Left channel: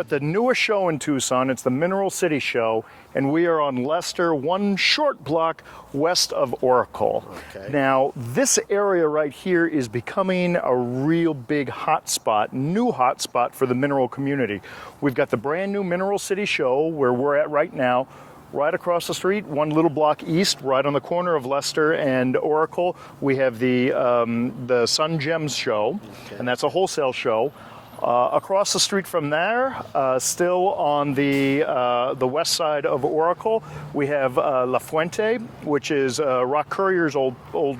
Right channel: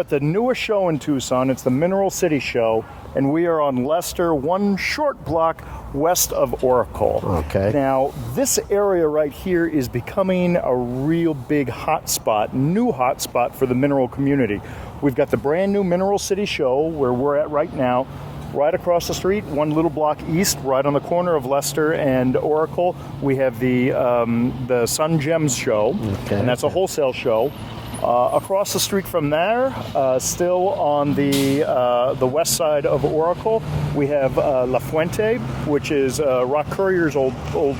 at the newest show in Tucson. It's the Mineral City Show, and we are on Lester, one short block west of Oracle. Okay. Now, this area right here is becoming a real big hotspot, new hotspot for the mineral community. We've got the brand new Mineral City Show, where we're at right now. Right across the street, one little block east, right on the corner of Lester and Oracle, we have the Sun Gems Show, and that's a wholesale show. Across the street from there, still on the west side of Oracle, we have La Fuente, which is Rock Courier's old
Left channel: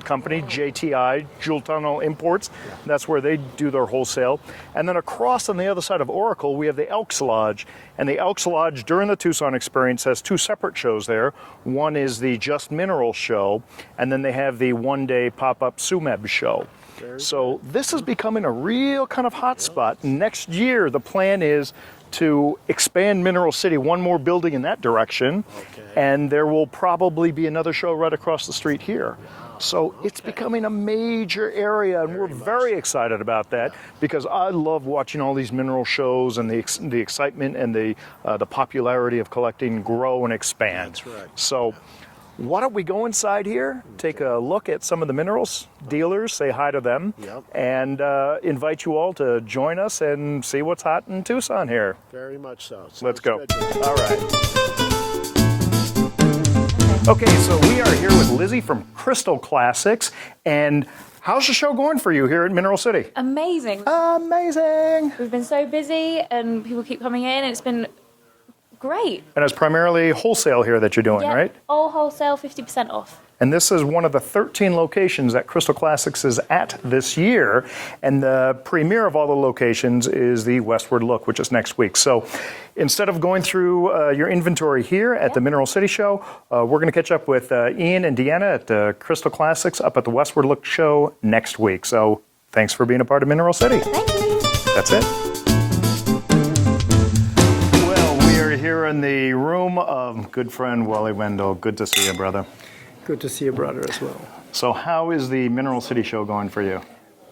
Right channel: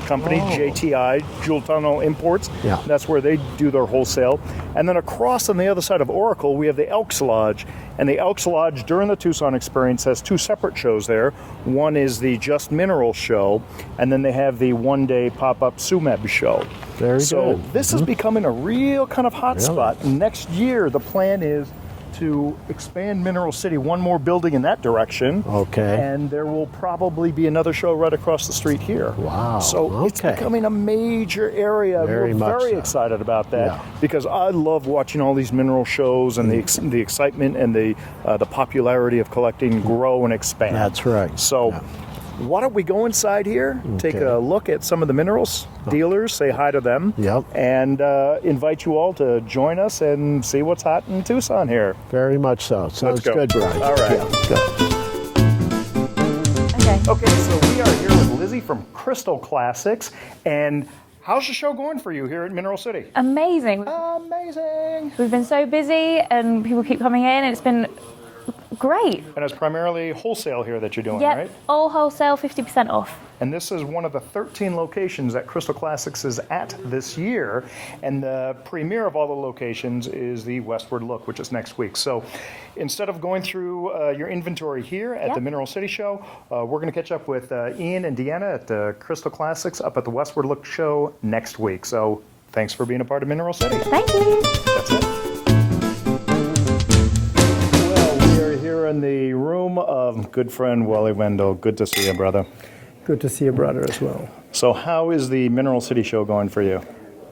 company, JTI, Jewel Tunnel Imports. Yeah. That's where they do their wholesale. And then across on the other side of Oracle, we have the Elks Lodge. And the Elks Lodge, during the Tucson experience, has two separate shows there. One is the Just Mineral show, and then they have the one-day pop-up SUMEB show. Very so good. this is becoming a real kind of hot spot. Next year, the plan is to expand Mineral City one more building in that direction. Okay. And there will probably be another show right across the street here. Wow. So it's becoming a major area. Very We're much very so. excited about that Yeah. because I love watching all these mineral shows and the excitement and the popularity of collecting grow and expand. That's right. So why don't we go inside here, take a look at some of the minerals dealers, say hi to them, and invite you all to join us and see what's hot in Tucson here. Very much so. Sounds go. good, Brian. All right. Okay, so we are here with Lizzie from Crystal Classics, and how's the show going for you here at Mineral City? Amazing. Amazing. We've been so busy and people keep coming in and it's been great. And it's primarily wholesale here that you're doing, Yep, right? all wholesale, 50% off. And this is one of the 13 locations that Crystal Classics is at this year. And the premiere of all the locations is the Westward Look, which is next week. So instead of going through your inventory here at the Mineral City Show, we're going to catch up with Ian and Deanna at the Crystal Classics up at the Westward Look Show next week. So thanks for being a part of Mineral City. Thank you. That's it. Here in the room of good friend Wally Wendell. Good to see you, brother. Good to see your brother as well. So how is the Mineral City Show going for you?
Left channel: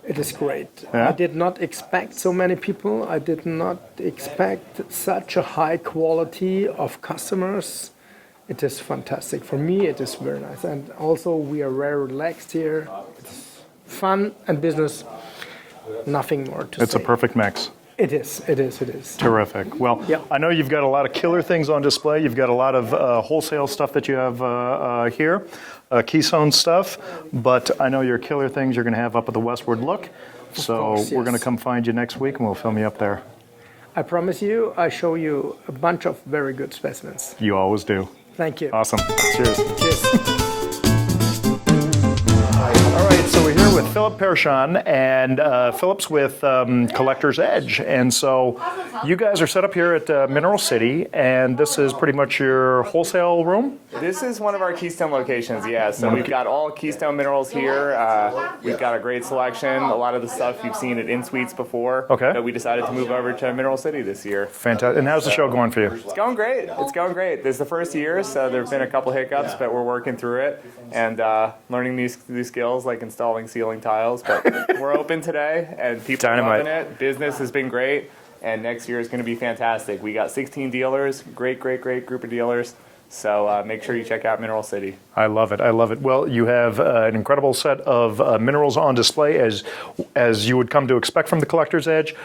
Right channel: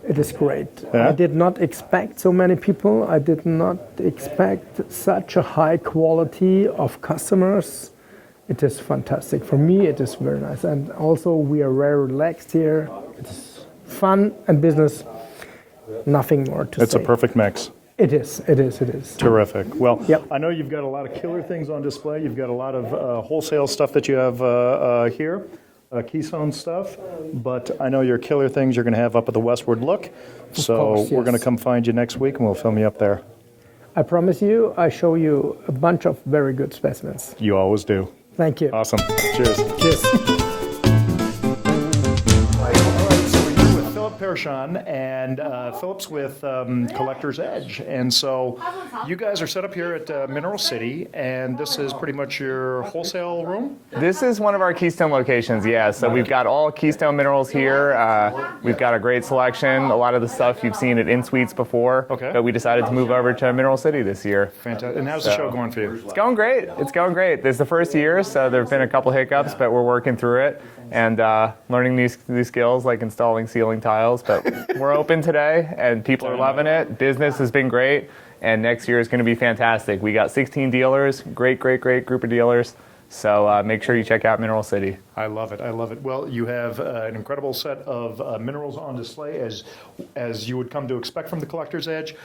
It is great. Yeah? I did not expect so many people. I did not expect such a high quality of customers. It is fantastic. For me, it is very nice. And also, we are very relaxed here. It's fun and business. Nothing more to say. It's a perfect mix. It is. Terrific. Well, Yep. I know you've got a lot of killer things on display. You've got a lot of wholesale stuff that you have here, Keystone stuff, but I know your killer things you're going to have up at the Westward Look. So course, we're going to yes. come find you next week and we'll film you up there. I promise you, I show you a bunch of very good specimens. You always do. Thank you. Awesome. Cheers. Cheers. Pershawn and Phillips with Collector's Edge. And so you guys are set up here at Mineral City, and this is pretty much your wholesale room? This is one of our Keystone locations, yeah. So we've got all Keystone minerals here. We've got a great selection. A lot of the stuff you've seen at In Suites before. Okay. But we decided to move over to Mineral City this year. Fantastic. And how's the show going for you? It's going great. It's going great. This is the first year, so there have been a couple hiccups, but we're working through it and learning these skills like installing ceiling tiles. But we're open today, and people are loving it. Business has been great, and next year is going to be fantastic. We got 16 dealers, great group of dealers. So make sure you check out Mineral City. I love it. I love it. Well, you have an incredible set of minerals on display, as you would come to expect from the Collector's Edge.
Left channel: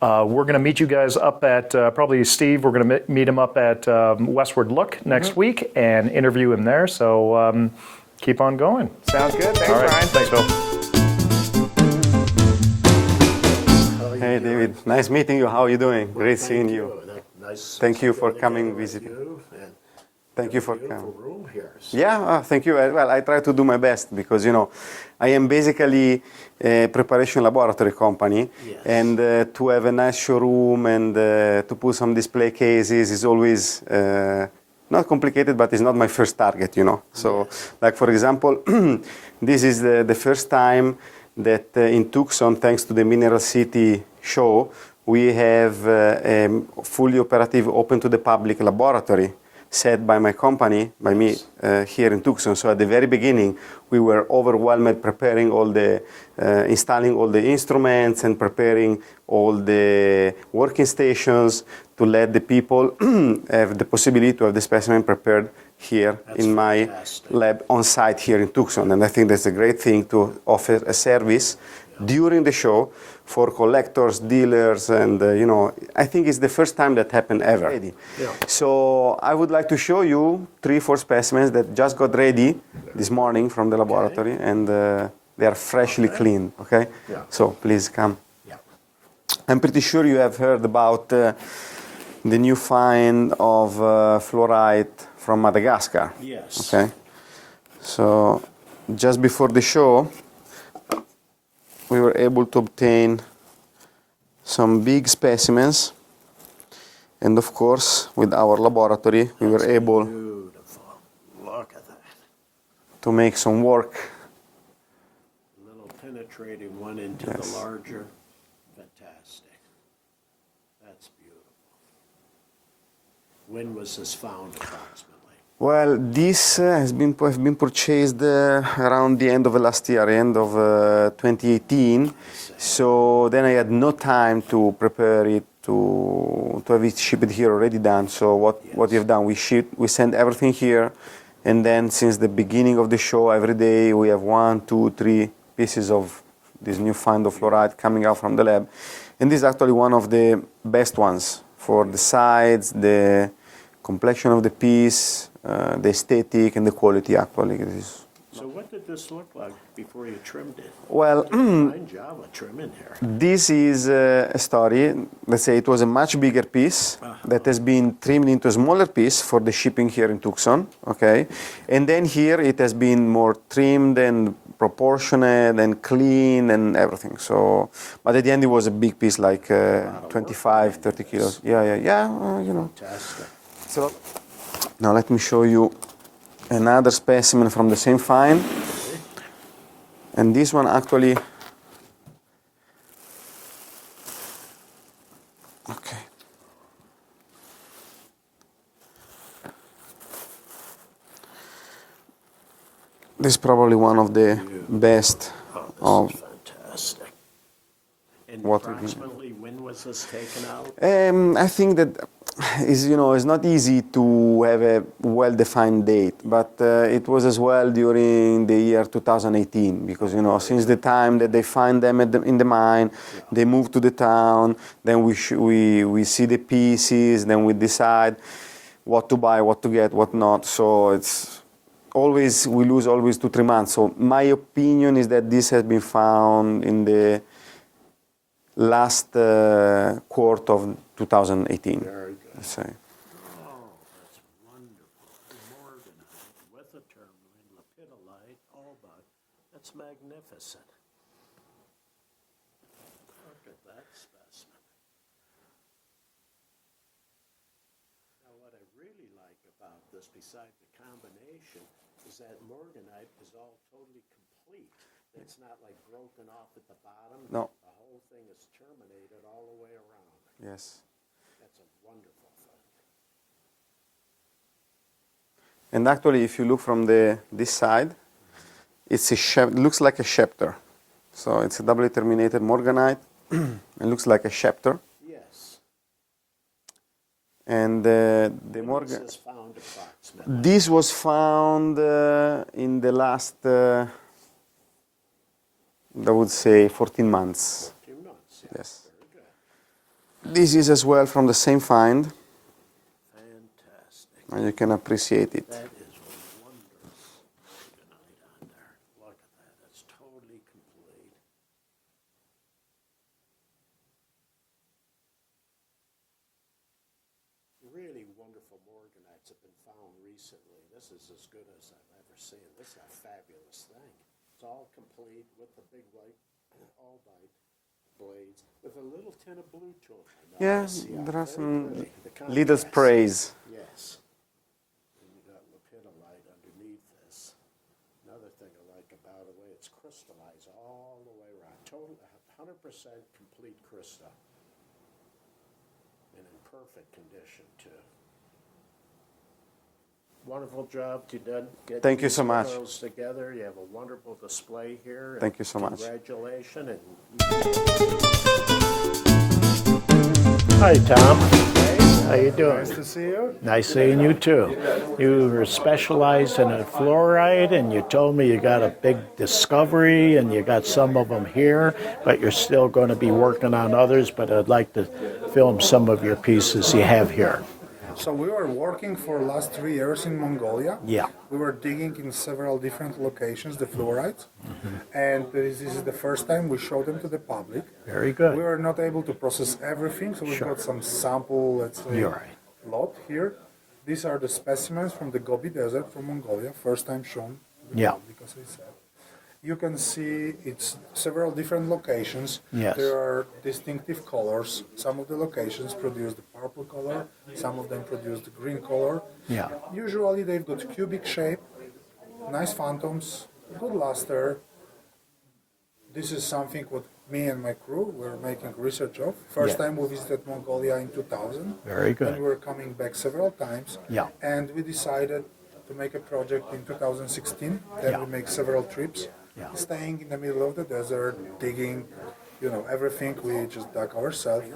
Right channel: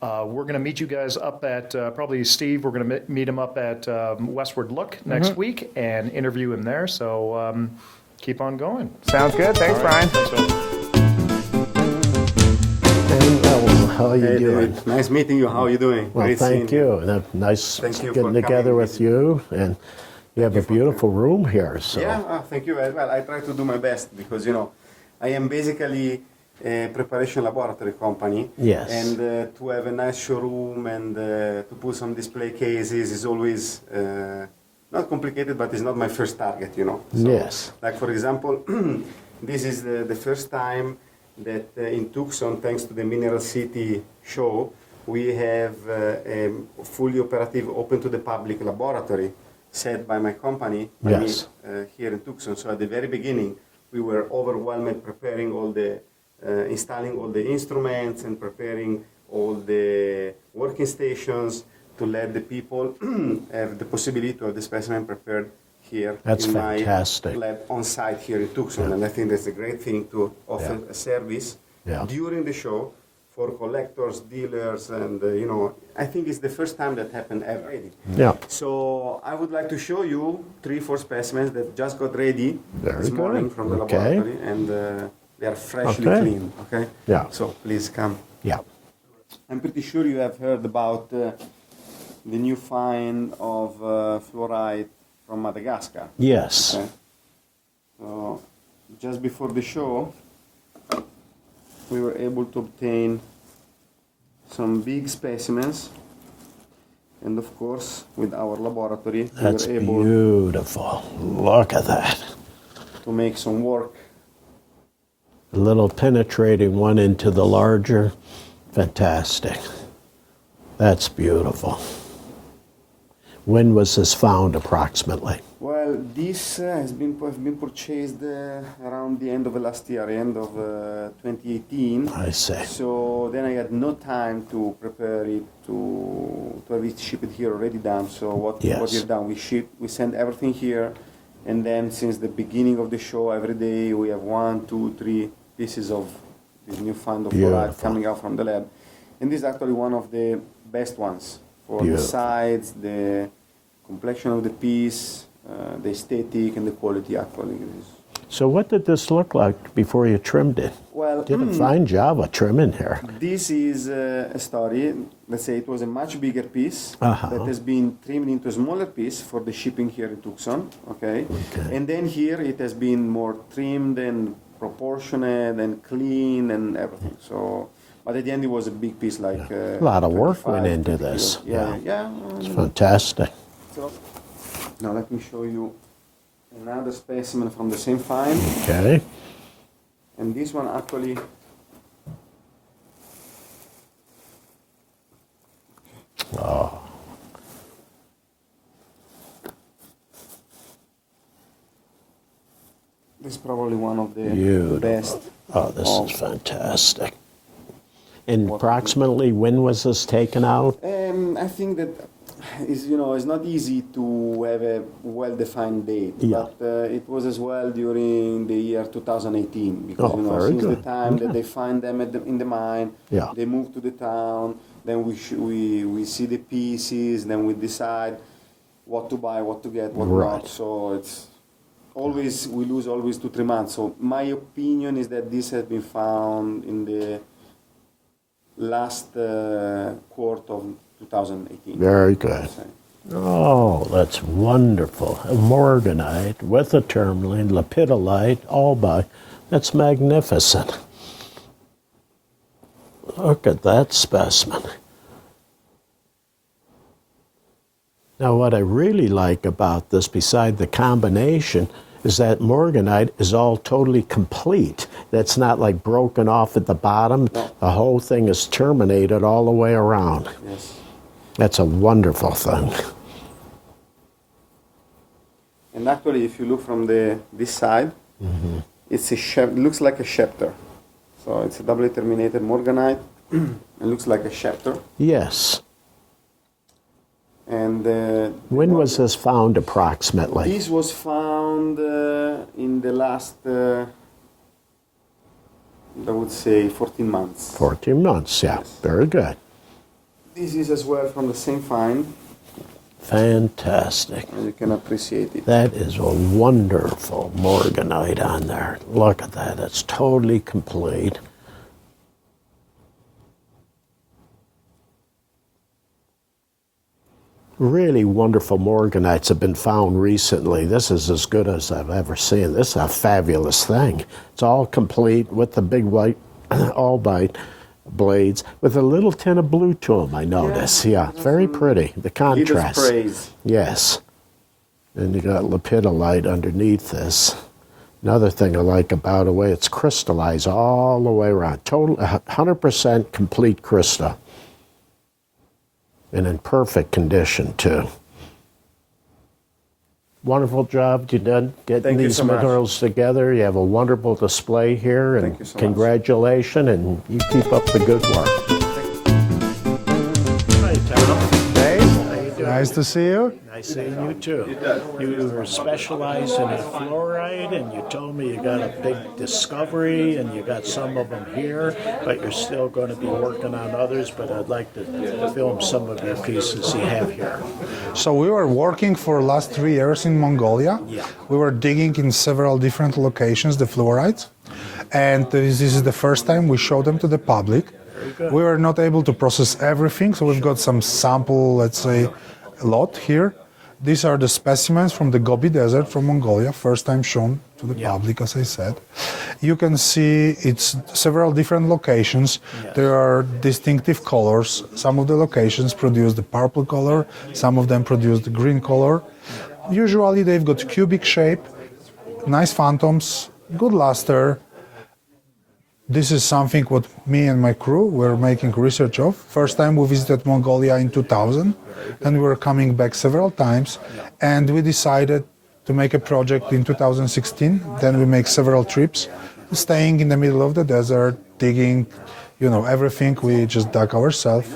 We're going to meet you guys up at, probably Steve, we're going to meet him up at Westward Look next week and interview him there. So keep on going. Sounds good. Thanks, Brian. Thanks, Phil. How are you doing? David. Nice meeting you. How are you doing? Well, Great seeing thank you. Nice Thank you for getting coming together with visit. you. And we have you a for beautiful room here. So. Yeah, thank you. Well, I try to do my best because, I am basically a preparation laboratory company. Yes. And to have a nice showroom and to put some display cases is always not complicated, but it's not my first target, So, Yes. like, for example, this is the first time that in Tucson, thanks to the Mineral City show, we have a fully operative, open to the public laboratory. set by my company, by Yes. me here in Tucson. So at the very beginning, we were overwhelmed preparing all the, installing all the instruments and preparing all the working stations to let the people have the possibility to have the specimen prepared here That's in fantastic. my lab on site here in Tucson. And I think that's a great thing to offer a service Yeah. during the show for collectors, dealers, and you know, I think it's the first time that happened ever. Yeah. So I would like to show you 3-4 specimens that just got ready Very this good. morning from the Okay. laboratory, and they are freshly Okay. clean. Okay. Yeah. So please come. Yeah. I'm pretty sure you have heard about the new find of fluorite from Madagascar. Yes. Okay. So just before the show, we were able to obtain some big specimens, and of course, with our laboratory, we That's were able beautiful. Look at that. to make some work. A little penetrating one into the larger. Fantastic. That's beautiful. When was this found approximately? Well, this have been purchased around the end of last year, end of 2018. I see. So then I had no time to prepare it to have it shipped here already done. So what Yes. we have done, we send everything here, and then since the beginning of the show, every day we have 1, 2, 3 pieces of this new find of fluoride Beautiful. coming out from the lab, and this is actually one of the best ones for the Beautiful. size, the complexion of the piece, the aesthetic, and the quality. Actually, it is. So what did this look like before you trimmed it? Well, Did a fine job of trimming here. this is a story. Let's say it was a much bigger piece that has been trimmed into a smaller piece for the shipping here in Tucson. Okay, and then here it has been more trimmed and proportionate and clean and everything. So, but at the end it was a big piece, like A lot of work 25, went into 30 this. kilos. Yeah. You know. Fantastic. So now let me show you another specimen from the same find. Okay. And this one actually, okay. This is probably one of the Beautiful. best. Oh, this of- is fantastic. And What- approximately when was this taken out? I think that is, you know, it's not easy to have a well-defined date, but it was as well during the year 2018, because Oh, you know, very since the good. time that they find them in the mine, Yeah. they move to the town, then we see the pieces, then we decide what to buy, what to get, what not. So it's always, we lose always 2-3 months. So my opinion is that this has been found in the last quarter of 2018. Very good. So, Oh, that's wonderful. A morganite with a tourmaline, lepidolite, all by. That's magnificent. Look at that specimen. Now, what I really like about this, beside the combination, is that morganite is all totally complete. That's not like broken off at the bottom. The whole thing is terminated all the way around. yes. That's a wonderful thing. And actually, if you look from this side, it's it looks like a scepter. So it's a doubly terminated morganite. It looks like a scepter. Yes. And When was this found approximately? this was found in the last, I would say, 14 months. 14 months, yeah. Yes. Very good. This is as well from the same find. Fantastic. You can appreciate it. That is a wonderful morganite on there. Look at that. It's totally complete. Really wonderful morganites have been found recently. This is as good as I've ever seen. This is a fabulous thing. It's all complete with the big white albite blades with a little tint of blue to them, I notice. Yeah, very pretty. The Little contrast. sprays. Yes. And you got lepidolite underneath this. Another thing I like about the way it's crystallized all the way around. Total 100% complete crystal. And in perfect condition too. Wonderful job you done getting Thank you these so much. minerals together. You have a wonderful display here, and Thank you so much. congratulations, and you keep up the good work. Hi, Tom. Hey, how you doing? Nice to see you. Nice seeing you too. You were specialized in fluorite, and you told me you got a big discovery, and you got some of them here, but you're still going to be working on others. But I'd like to film some of your pieces you have here. So we were working for the last 3 years in Mongolia. Yeah. We were digging in several different locations, the fluorites. And this is the first time we showed them to the public. Very good. We were not able to process everything, so we've got some sample, let's say, lot here. These are the specimens from the Gobi Desert from Mongolia, first time shown to the public, as I said. You can see it's several different locations. Yes. There are distinctive colors. Some of the locations produce the purple color, some of them produce the green color. Yeah. Usually they've got cubic shape, nice phantoms, good luster. This is something what me and my crew were making research of. First time we visited Mongolia in 2000. Very good. And we were coming back several times. Yeah. And we decided to make a project in 2016. Then we make several trips, staying in the middle of the desert, digging, everything we just dug ourselves.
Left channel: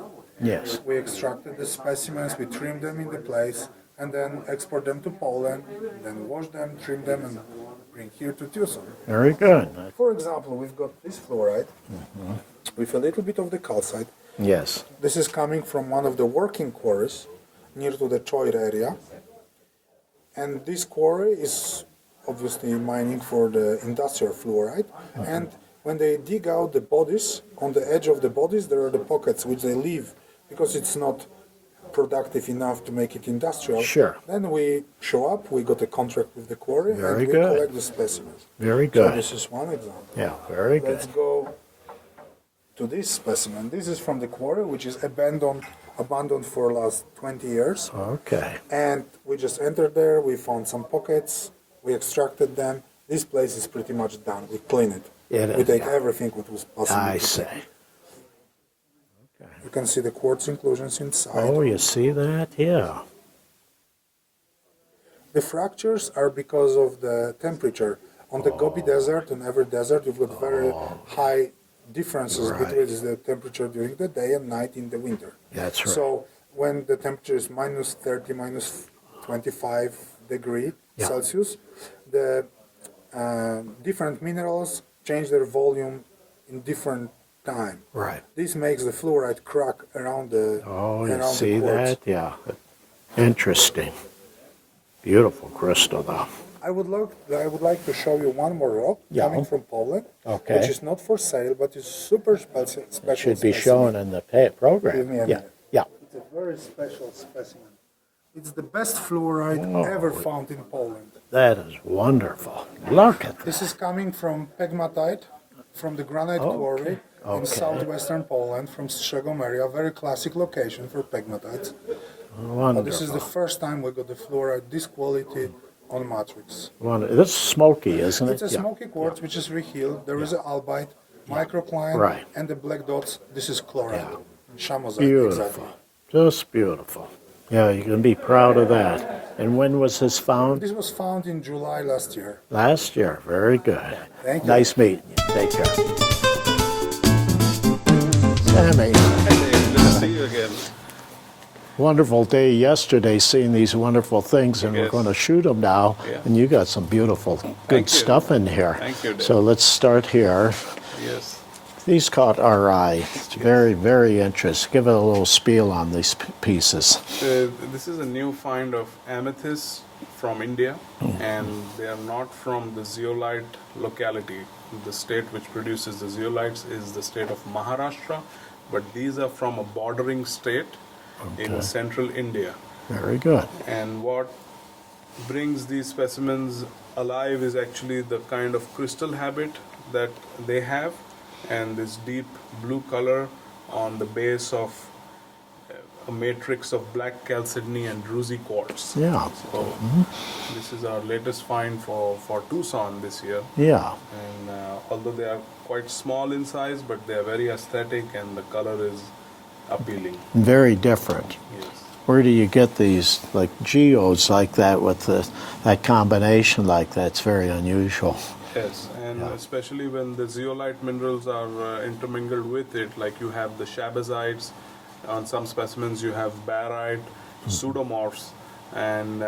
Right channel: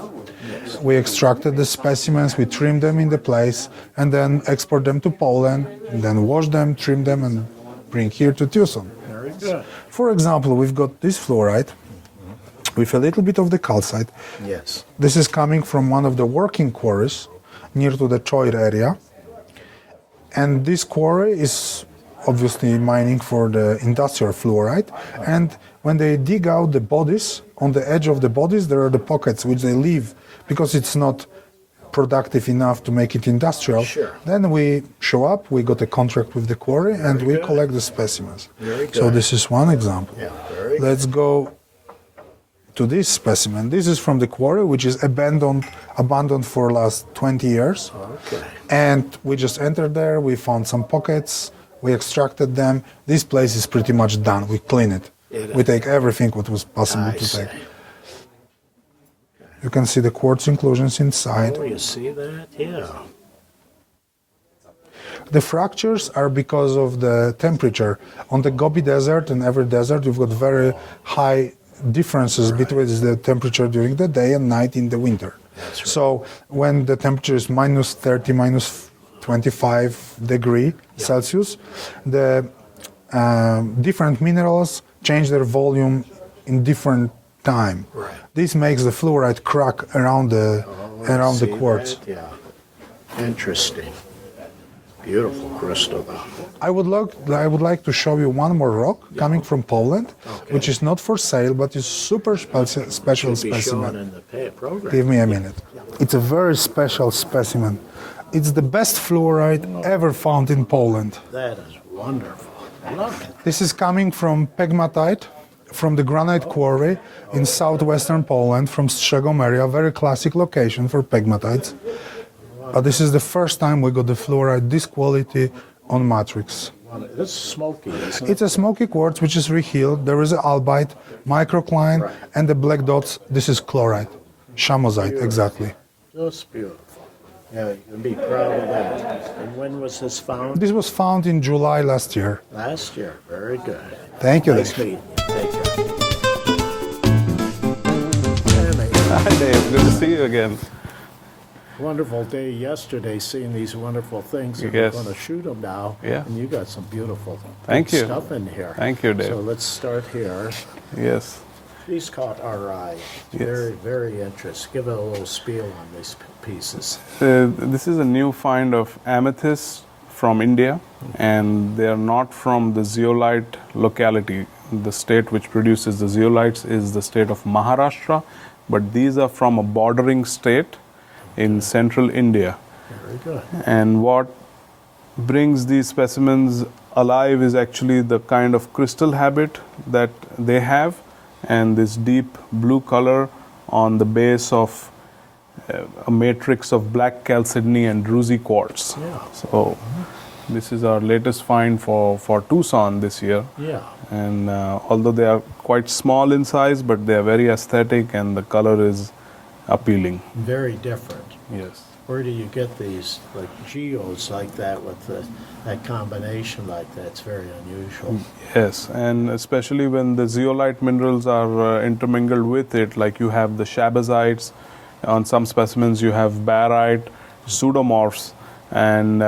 Yes. We extracted the specimens, we trimmed them in the place, and then export them to Poland, and then wash them, trim them, and bring here to Tucson. Very good. For example, we've got this fluorite with a little bit of the calcite. Yes. This is coming from one of the working quarries near to the Troy area. And this quarry is obviously mining for the industrial fluorite. And when they dig out the bodies, on the edge of the bodies, there are the pockets which they leave because it's not productive enough to make it industrial. Sure. Then we show up, we got a contract with the quarry, and Very we good. collect the specimens. Very So good. this is one example. Yeah, very good. Let's go to this specimen. This is from the quarry, which is abandoned for last 20 years. Okay. And we just entered there, we found some pockets, we extracted them. This place is pretty much done. We clean it. Yeah, We take everything what was possible I to see. take. You can see the quartz inclusions inside. Oh, you see that? Yeah. The fractures are because of the temperature. On the Gobi Desert and every desert, you've got very high differences between the temperature during the day and night in the winter. That's right. So when the temperature is minus 30, minus 25 degree Celsius, the different minerals change their volume in different time. Right. This makes the fluorite crack around the See quartz. that? Yeah. Interesting. Beautiful crystal, though. I would like to show you one more rock coming from Poland, Okay. which is not for sale, but is super special Should be shown specimen. in the program. Give me a minute. Yeah. It's a very special specimen. It's the best fluorite ever found in Poland. That is wonderful. Look at This is coming from pegmatite, from the granite quarry in southwestern Poland, from Strzegom area, very classic location for pegmatites. But this is the first time we got the fluorite this quality on matrix. This is smoky, isn't it? It's a smoky quartz which is rehealed. There is an albite, microcline, Right. and the black dots. This is chlorite, chamosite, Beautiful. exactly. Just beautiful. Yeah, you can be proud of that. And when was this found? This was found in July last year. Last year. Very good. Thank you. Nice meeting you. Take care. Sammy, Good to see you again. wonderful day yesterday seeing these wonderful things, and Yes. we're going to shoot them now. Yeah. And you got some beautiful good Thank you. stuff in here. Thank you, Dave. So let's start here. Yes. These caught our eye. It's very, very interesting. Give it a little spiel on these pieces. This is a new find of amethyst from India, and they are not from the zeolite locality. The state which produces the zeolites is the state of Maharashtra, but these are from a bordering state in central India. Very good. And what brings these specimens alive is actually the kind of crystal habit that they have, and this deep blue color on the base of a matrix of black chalcedony and druzy quartz. Yeah. So this is our latest find for Tucson this year. Yeah. And although they are quite small in size, but they are very aesthetic and the color is appealing. Very different. Yes. Where do you get these, like geodes like that with that combination like that? It's very unusual. Yes, and especially when the zeolite minerals are intermingled with it, like you have the shabazites, on some specimens you have barite, pseudomorphs, and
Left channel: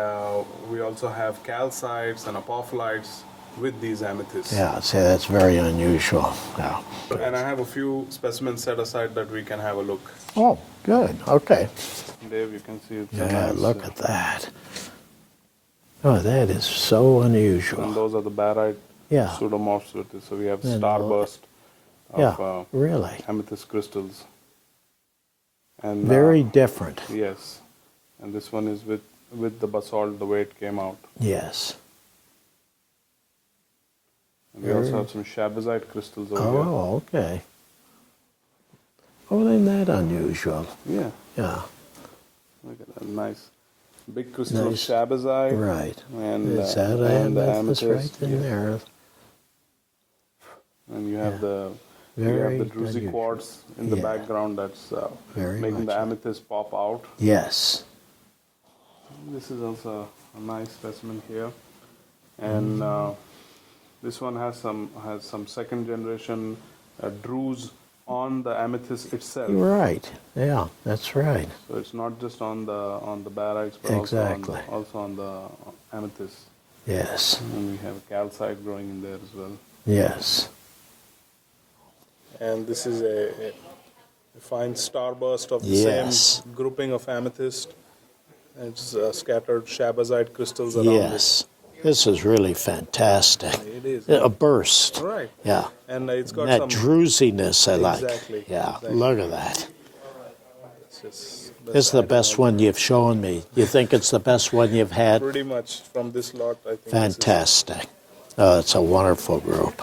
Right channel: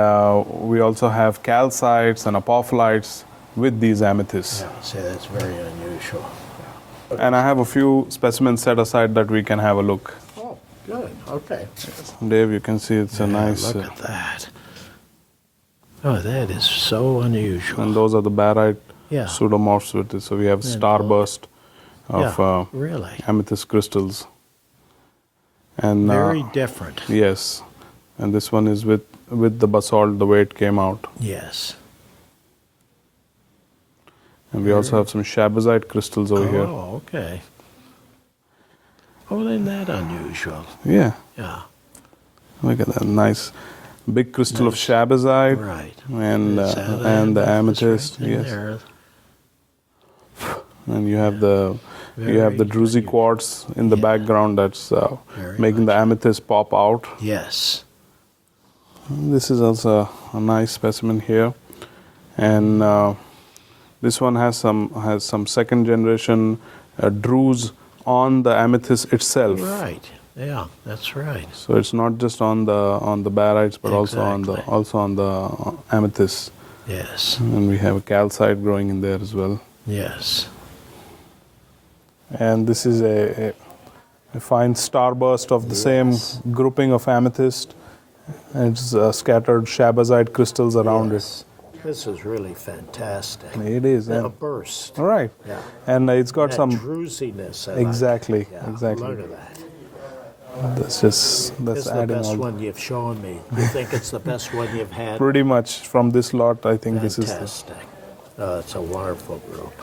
we also have calcites and apophylites with these amethysts. Yeah, see, that's very unusual. Yeah. And I have a few specimens set aside that we can have a look. Oh, good. Okay. Dave, you can see it's a Yeah, nice... look at that. Oh, that is so unusual. And those are the barite Yeah. pseudomorphs with it. So we have starburst of Yeah, really. amethyst crystals. And Very different. yes, and this one is with the basalt, the way it came out. Yes. And we also have some shabazite crystals over here. Oh, okay. Oh, isn't that unusual? Yeah, Yeah. look at that nice big crystal of shabazite. Right. And Is that the amethyst amethyst. right in Yes. there? And you have the Very druzy unusual. quartz in the Yeah. background that's Very making the much. amethyst pop out. Yes. This is also a nice specimen here, and this one has some second generation druze on the amethyst itself. Right. Yeah, that's right. So it's not just on the barites, but Exactly. also on the amethyst. Yes. And we have a calcite growing in there as well. Yes. And this is a fine starburst of the Yes. same grouping of amethyst. It's scattered shabazite crystals around it. Yes. This is really fantastic. It is. A burst. All right. Yeah. And it's got That some. druziness I like. Exactly, Yeah. exactly. Look at that. That's just. This is the adding best all- one you've shown me. You think it's the best one you've had? Pretty much from this lot, I think this is. Fantastic. Oh, it's a wonderful group.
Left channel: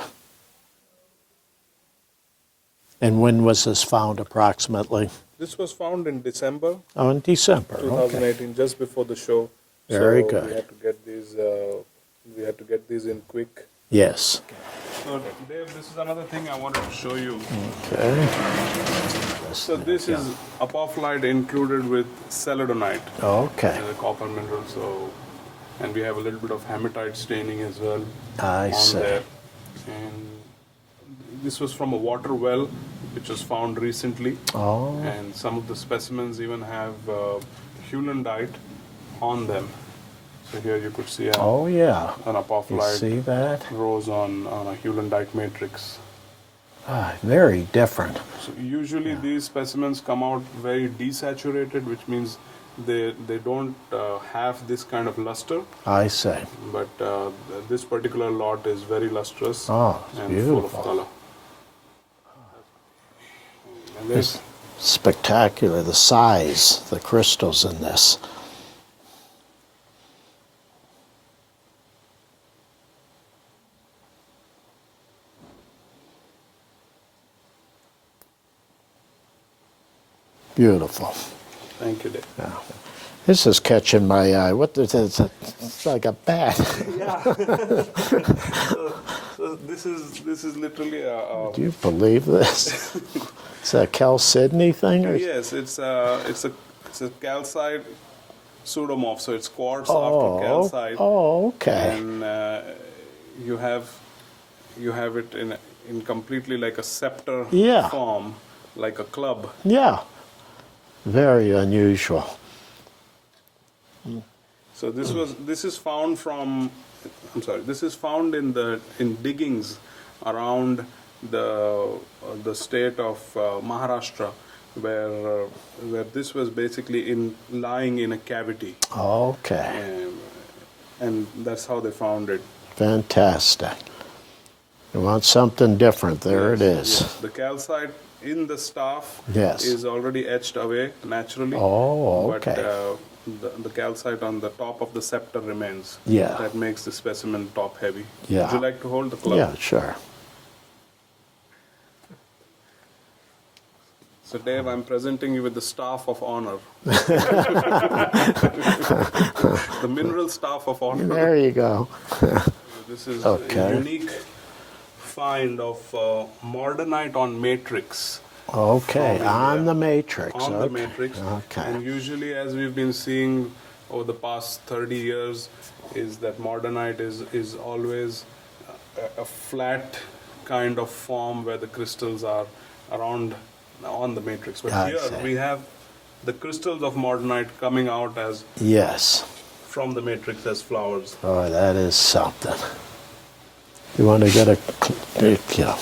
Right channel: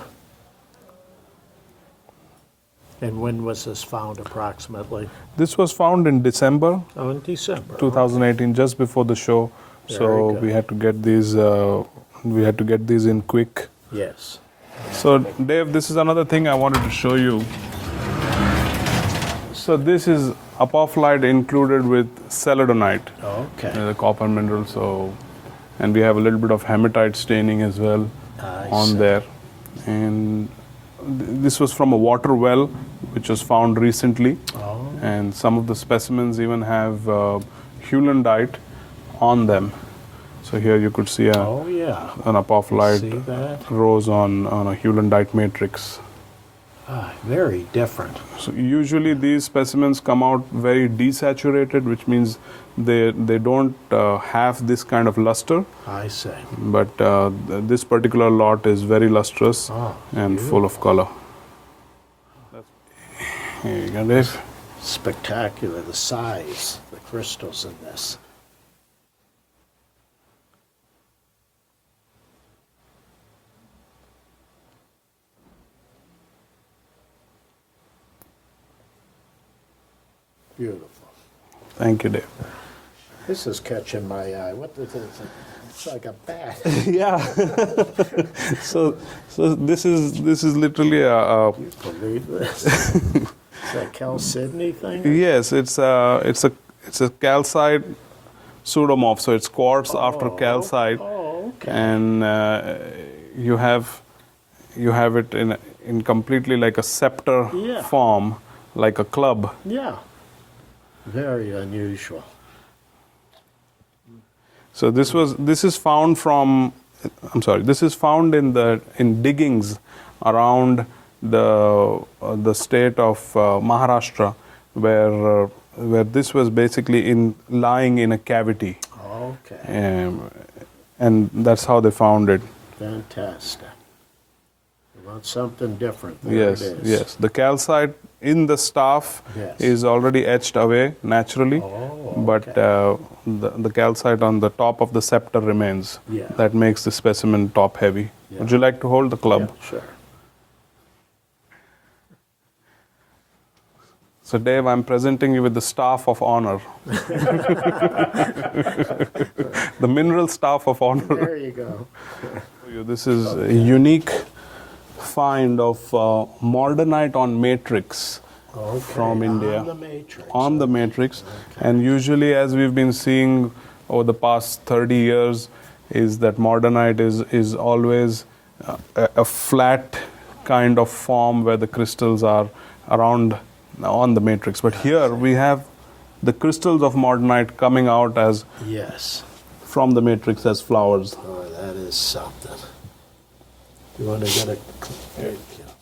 And when was this found approximately? This was found in December Oh, in December. 2018, just before the show. Very So good. we had to get these. We had to get these in quick. Yes. So Dave, this is another thing I wanted to show you. So this is apophyllite included with celadonite, Okay. the copper mineral. So, and we have a little bit of hematite staining as well I on see. there. And this was from a water well, which was found recently. Oh. And some of the specimens even have heulandite on them. So here you could see Oh, yeah. an See apophyllite that? rose on a heulandite matrix. Ah, very different. So usually these specimens come out very desaturated, which means they don't have this kind of luster. I say. But this particular lot is very lustrous Oh, and full of color. Here you go, Dave. Spectacular. The size, the crystals in this. Beautiful. Thank you, Dave. This is catching my eye. What is this? It's like a bat. Yeah. so this is literally a Do you believe this? It's a Chalcedony thing? or- yes. It's a calcite pseudomorph. So it's quartz after calcite. Oh, okay. And you have it in completely like a scepter Yeah. form, like a club. Yeah. Very unusual. So this is found from, I'm sorry, this is found in diggings around the state of Maharashtra, where this was basically lying in a cavity, Okay. and that's how they found it. Fantastic. You want something different. There Yes, it is. Yes, the calcite in the staff Yes. is already etched away naturally. Oh, But okay. the calcite on the top of the scepter remains. Yeah. That makes the specimen top heavy. Yeah. Would you like to hold the club? Yeah, sure. So Dave, I'm presenting you with the staff of honor. The mineral staff of honor. There you go. This is Okay. a unique find of mordanite on matrix. Okay, from India. on the matrix. On the okay. matrix. Okay. And usually, as we've been seeing over the past 30 years, is that mordanite is always a flat kind of form where the crystals are around on the matrix. But here we have the crystals of mordanite coming out as Yes. from the matrix as flowers. Oh, that is something. You want to get a yeah.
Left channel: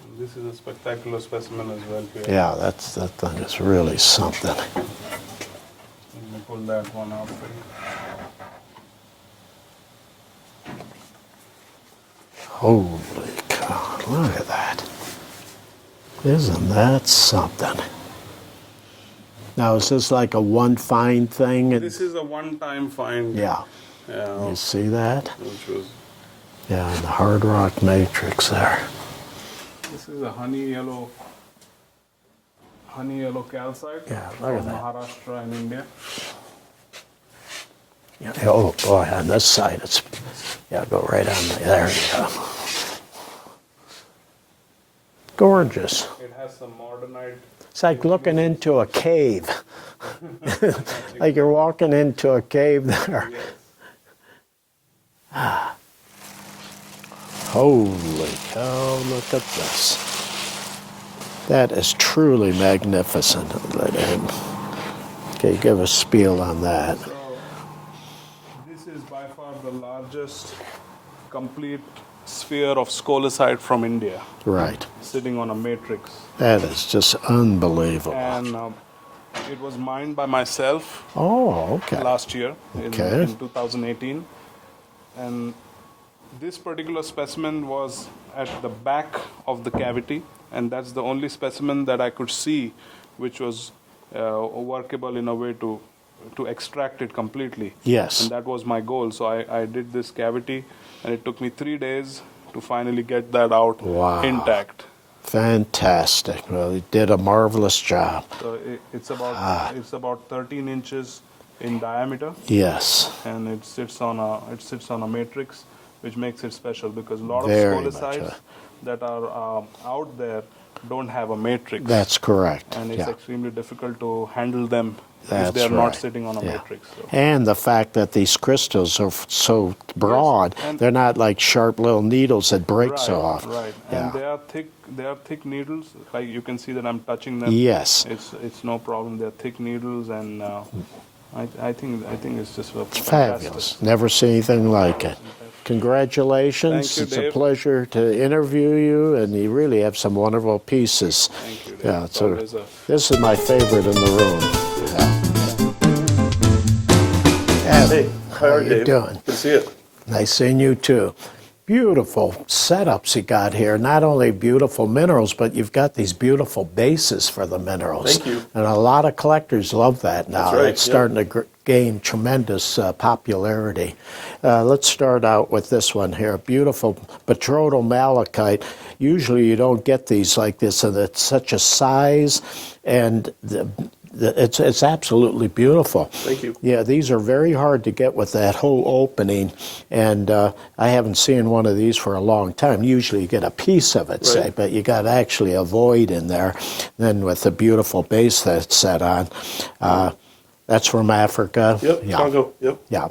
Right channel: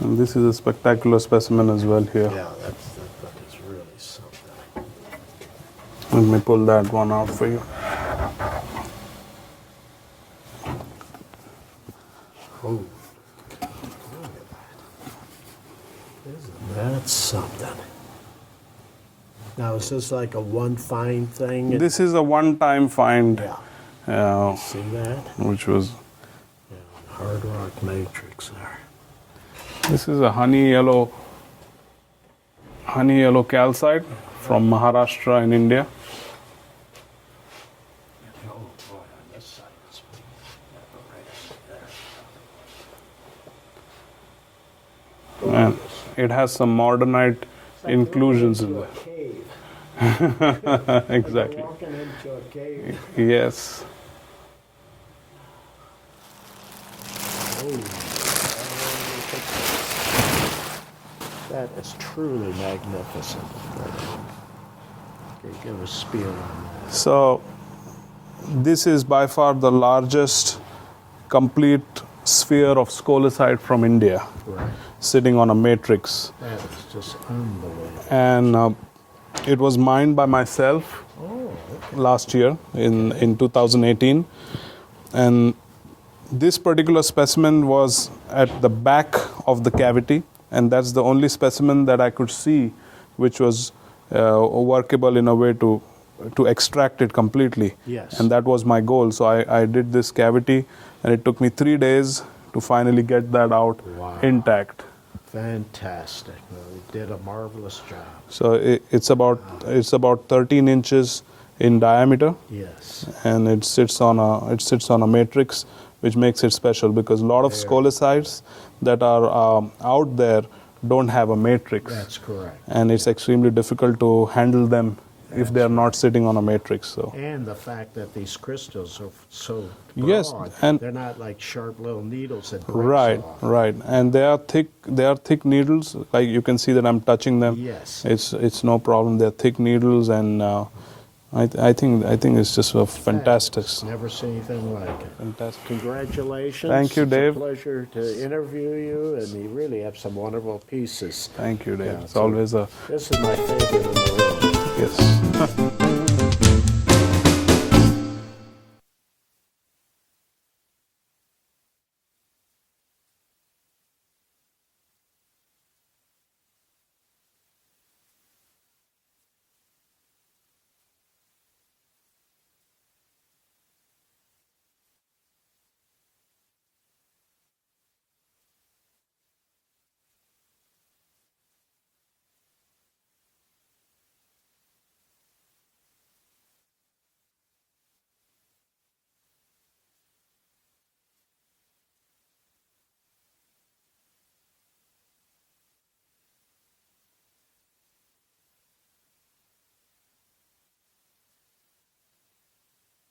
And this is a spectacular specimen as well here. Yeah, that thing is really something. Let me pull that one out for you. Holy cow, look at that. Isn't that something? Now, is this like a one find thing? This is a one-time find. Yeah. You see that? Which was, Yeah, in the hard rock matrix there. this is a honey yellow calcite from Maharashtra in India. Oh, boy, on this side, it's, yeah, go right on there. You go. Gorgeous. And it has some mordanite It's like looking into a cave. Like you're walking into a cave there. Yes. Holy cow, look at this. That is truly magnificent. Okay, give a spiel on that. So this is by far the largest complete sphere of scolecite from India, Right. sitting on a matrix. That is just unbelievable. And it was mined by myself Oh, okay. last year Okay. in 2018. And this particular specimen was at the back of the cavity, and that's the only specimen that I could see which was workable in a way to extract it completely. Yes. And that was my goal. So I did this cavity, and it took me 3 days to finally get that out Wow. intact. Fantastic. Well, you did a marvelous job. So it's about 13 inches in diameter, Yes. and it sits on a matrix, which makes it special because a lot of Very much scolecites that are out there don't have a matrix. That's correct. And it's Yeah. extremely difficult to handle them if That's they're not right. sitting on a Yeah. matrix. So And the fact that these crystals are so broad, and- they're not like sharp little needles that breaks right, off. right, and they are thick. They are thick needles. Like you can see that I'm touching them. Yes. it's no problem. They're thick needles, and I think it's just fantastic. Fabulous. Never seen anything like it. Fantastic. Congratulations. Thank you, It's Dave. a pleasure to interview you, and you really have some wonderful pieces. Thank you, Dave. Yeah, It's so always a This is my favorite in the room. Hey, How are you doing? Good to see you. Nice seeing you too. Beautiful setups you got here. Not only beautiful minerals, but you've got these beautiful bases for the minerals. Thank you. And a lot of collectors love that now. That's right, It's yeah. starting to gain tremendous popularity. Let's start out with this one here. Beautiful betrothal malachite. Usually you don't get these like this, and it's such a size, and it's absolutely beautiful. Thank you. Yeah, these are very hard to get with that whole opening, and I haven't seen one of these for a long time. Usually you get a piece of it, say, Right. but you got actually a void in there. Then with the beautiful base that's set on, that's from Africa. Yep, Yeah. Congo. Yep. Yeah.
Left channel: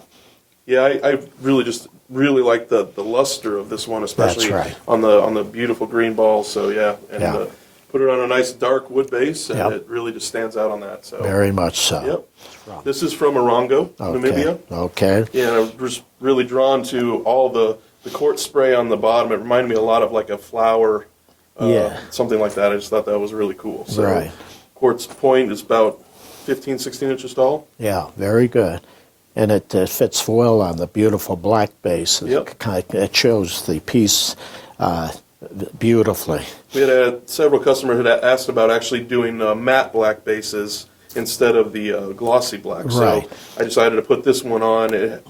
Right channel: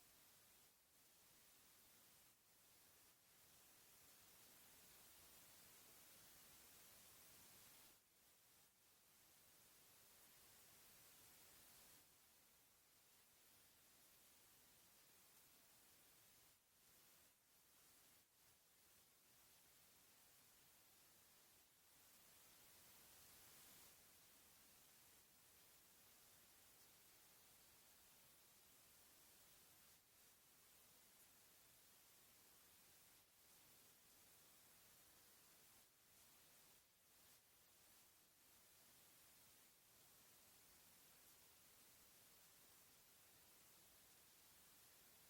Yeah, I really like the luster of this one, especially right. on the beautiful green balls. So yeah, and Yeah. put it on a nice dark wood base, and Yep. it really just stands out on that. So Very much so. Yep. This is from Orongo, Namibia. Okay. Yeah, and I was really drawn to all the quartz spray on the bottom. It reminded me a lot of like a flower, Yeah. something like that. I just thought that was really cool. So Right. quartz point is about 15, 16 inches tall. Yeah, very good. And it fits well on the beautiful black base. Yep. It shows the piece beautifully. We had several customers had asked about actually doing matte black bases instead of the glossy black. Right. So I decided to put this one on. It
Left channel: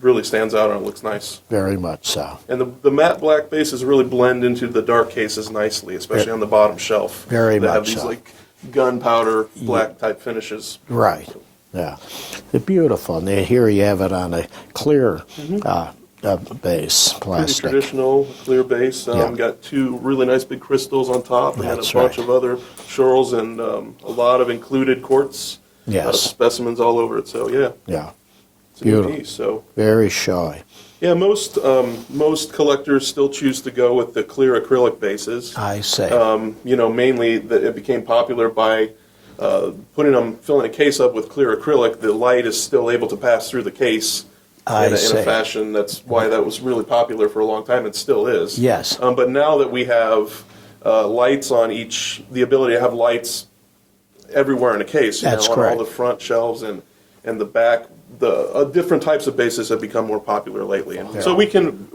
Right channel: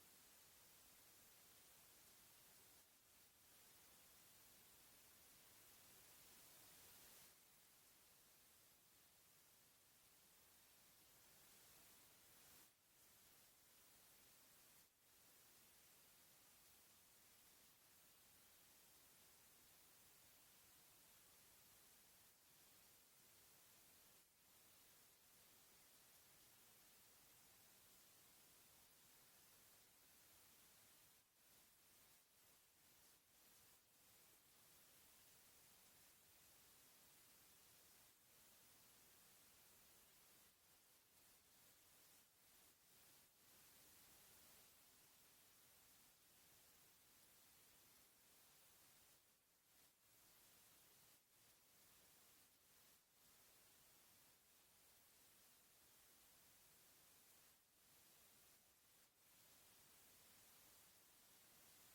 really stands out and it looks nice. Very much so. And the matte black bases really blend into the dark cases nicely, especially on the bottom shelf. Very they have much these so. like gunpowder black type finishes. Right. Yeah. They're beautiful. And here you have it on a clear base, Pretty plastic. traditional, clear base. Yeah. Got two really nice big crystals on top, and That's then a bunch right. of other shorls and a lot of included quartz Yes. specimens all over it. So yeah, Yeah, it's a neat beautiful. piece. So Very shy. yeah, most collectors still choose to go with the clear acrylic bases. I say. Mainly it became popular by filling a case up with clear acrylic. The light is still able to pass through the case in a fashion. That's why that was really popular for a long time. It still is. Yes. But now that we have lights on the ability to have lights everywhere in a case, That's on correct. all the front shelves and the back, different types of bases have become more popular lately. And so we can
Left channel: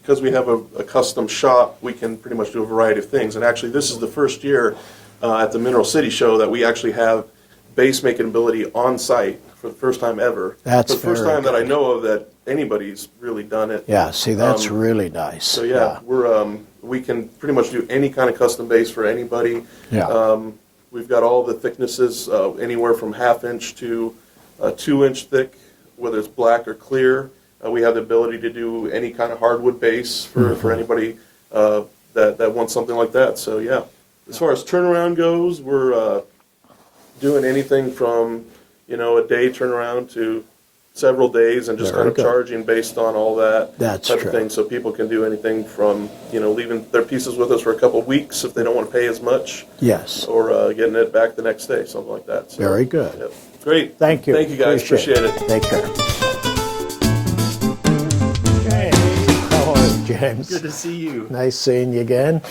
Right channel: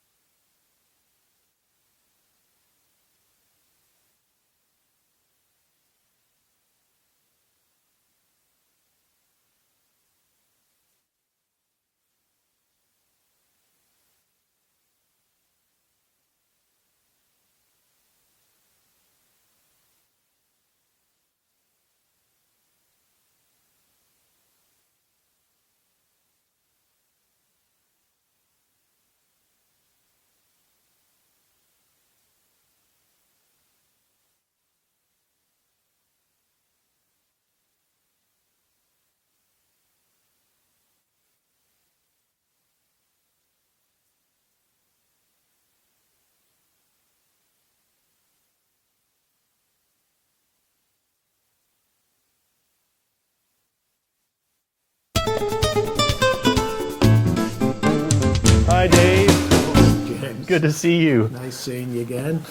because we have a custom shop, we can pretty much do a variety of things. And actually, this is the first year at the Mineral City Show that we actually have base making ability on site for the first time ever. That's the first very time that I good. know of that anybody's really done it. Yeah, see, that's really nice. So we can pretty much do any kind of custom base for anybody. Yeah. We've got all the thicknesses, anywhere from 1/2 inch to 2 inch thick, whether it's black or clear. We have the ability to do any kind of hardwood base for anybody that wants something like that. So yeah, as far as turnaround goes, we're doing anything from a day turnaround to several days, and just Very kind of good. charging based on all that That's type true. of thing. So people can do anything from leaving their pieces with us for a couple of weeks if they don't want to pay as much, Yes. or getting it back the next day, something like that. So, Very good. yep. Great. Thank you. Thank you guys. Appreciate it. Take care. Hi, Dave. Hello, James. Good to see you. Nice seeing you again.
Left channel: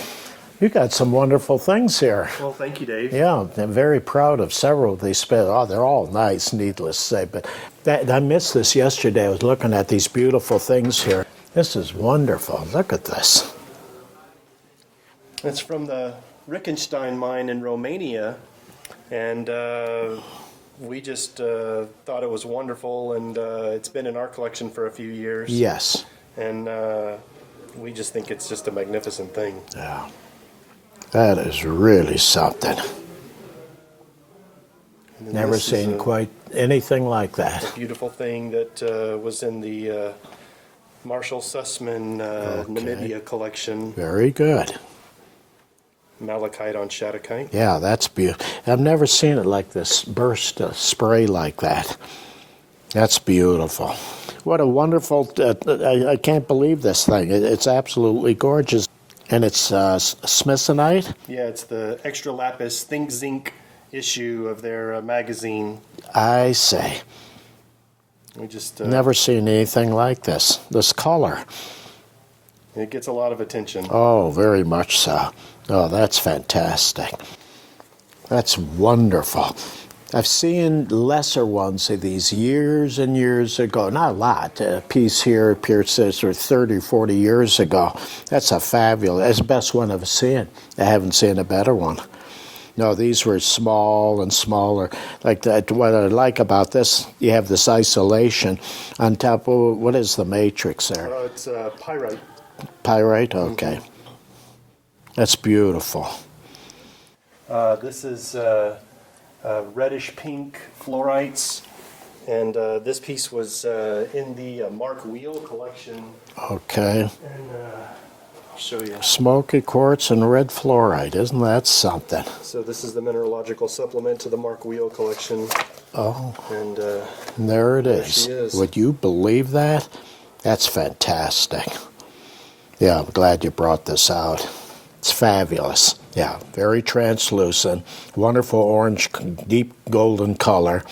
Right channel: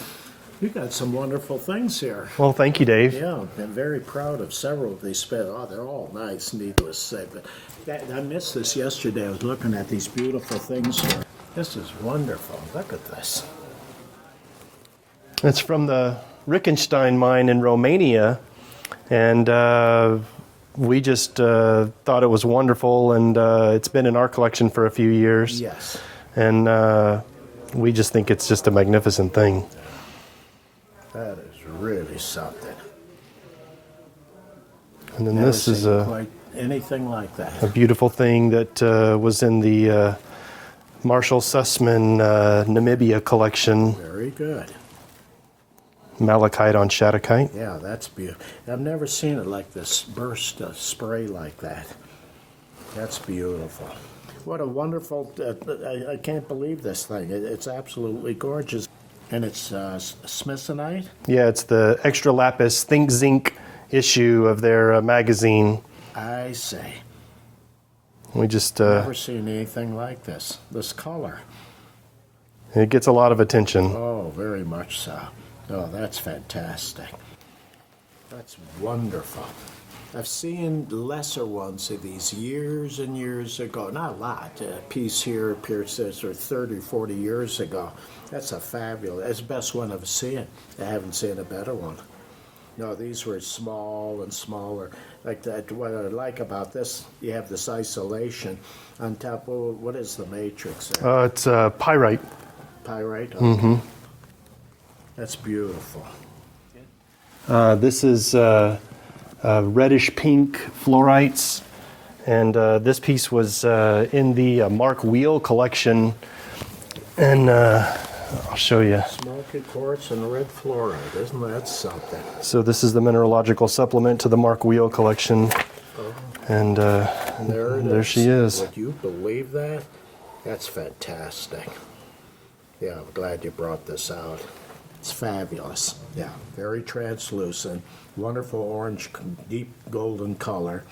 You got some wonderful things here. Well, thank you, Dave. Yeah, I'm very proud of several of these. Oh, they're all nice, needless to say. But I missed this yesterday. I was looking at these beautiful things here. This is wonderful. Look at this. It's from the Rickenstein mine in Romania, and we just thought it was wonderful, and it's been in our collection for a few years. Yes. And we just think it's just a magnificent thing. Yeah. That is really something. And then Never this is seen a quite anything like that. beautiful thing that was in the Marshall Sussman Namibia collection, Very good. malachite on shattuckite. Yeah, that's beautiful. I've never seen it like this, burst spray like that. That's beautiful. What a wonderful, I can't believe this thing. It's absolutely gorgeous. And it's smithsonite? Yeah, it's the extra lapis think zinc issue of their magazine. I say. We just Never seen anything like this. This color. it gets a lot of attention. Oh, very much so. Oh, that's fantastic. That's wonderful. I've seen lesser ones of these years and years ago. Not a lot. A piece here appears as 30, 40 years ago. That's a fabulous, that's the best one I've seen. I haven't seen a better one. No, these were small and smaller. Like that, what I like about this, you have this isolation on top. Of, what is the matrix there? It's pyrite. Pyrite? Okay. That's beautiful. This is reddish pink fluorites, and this piece was in the Mark Wheel collection. Okay. And I'll show you. Smoky quartz and red fluorite. Isn't that something? So this is the mineralogical supplement to the Mark Wheel collection. Oh. And There it is. there she is. Would you believe that? That's fantastic. Yeah, I'm glad you brought this out. It's fabulous. Yeah, very translucent, wonderful orange, deep golden color.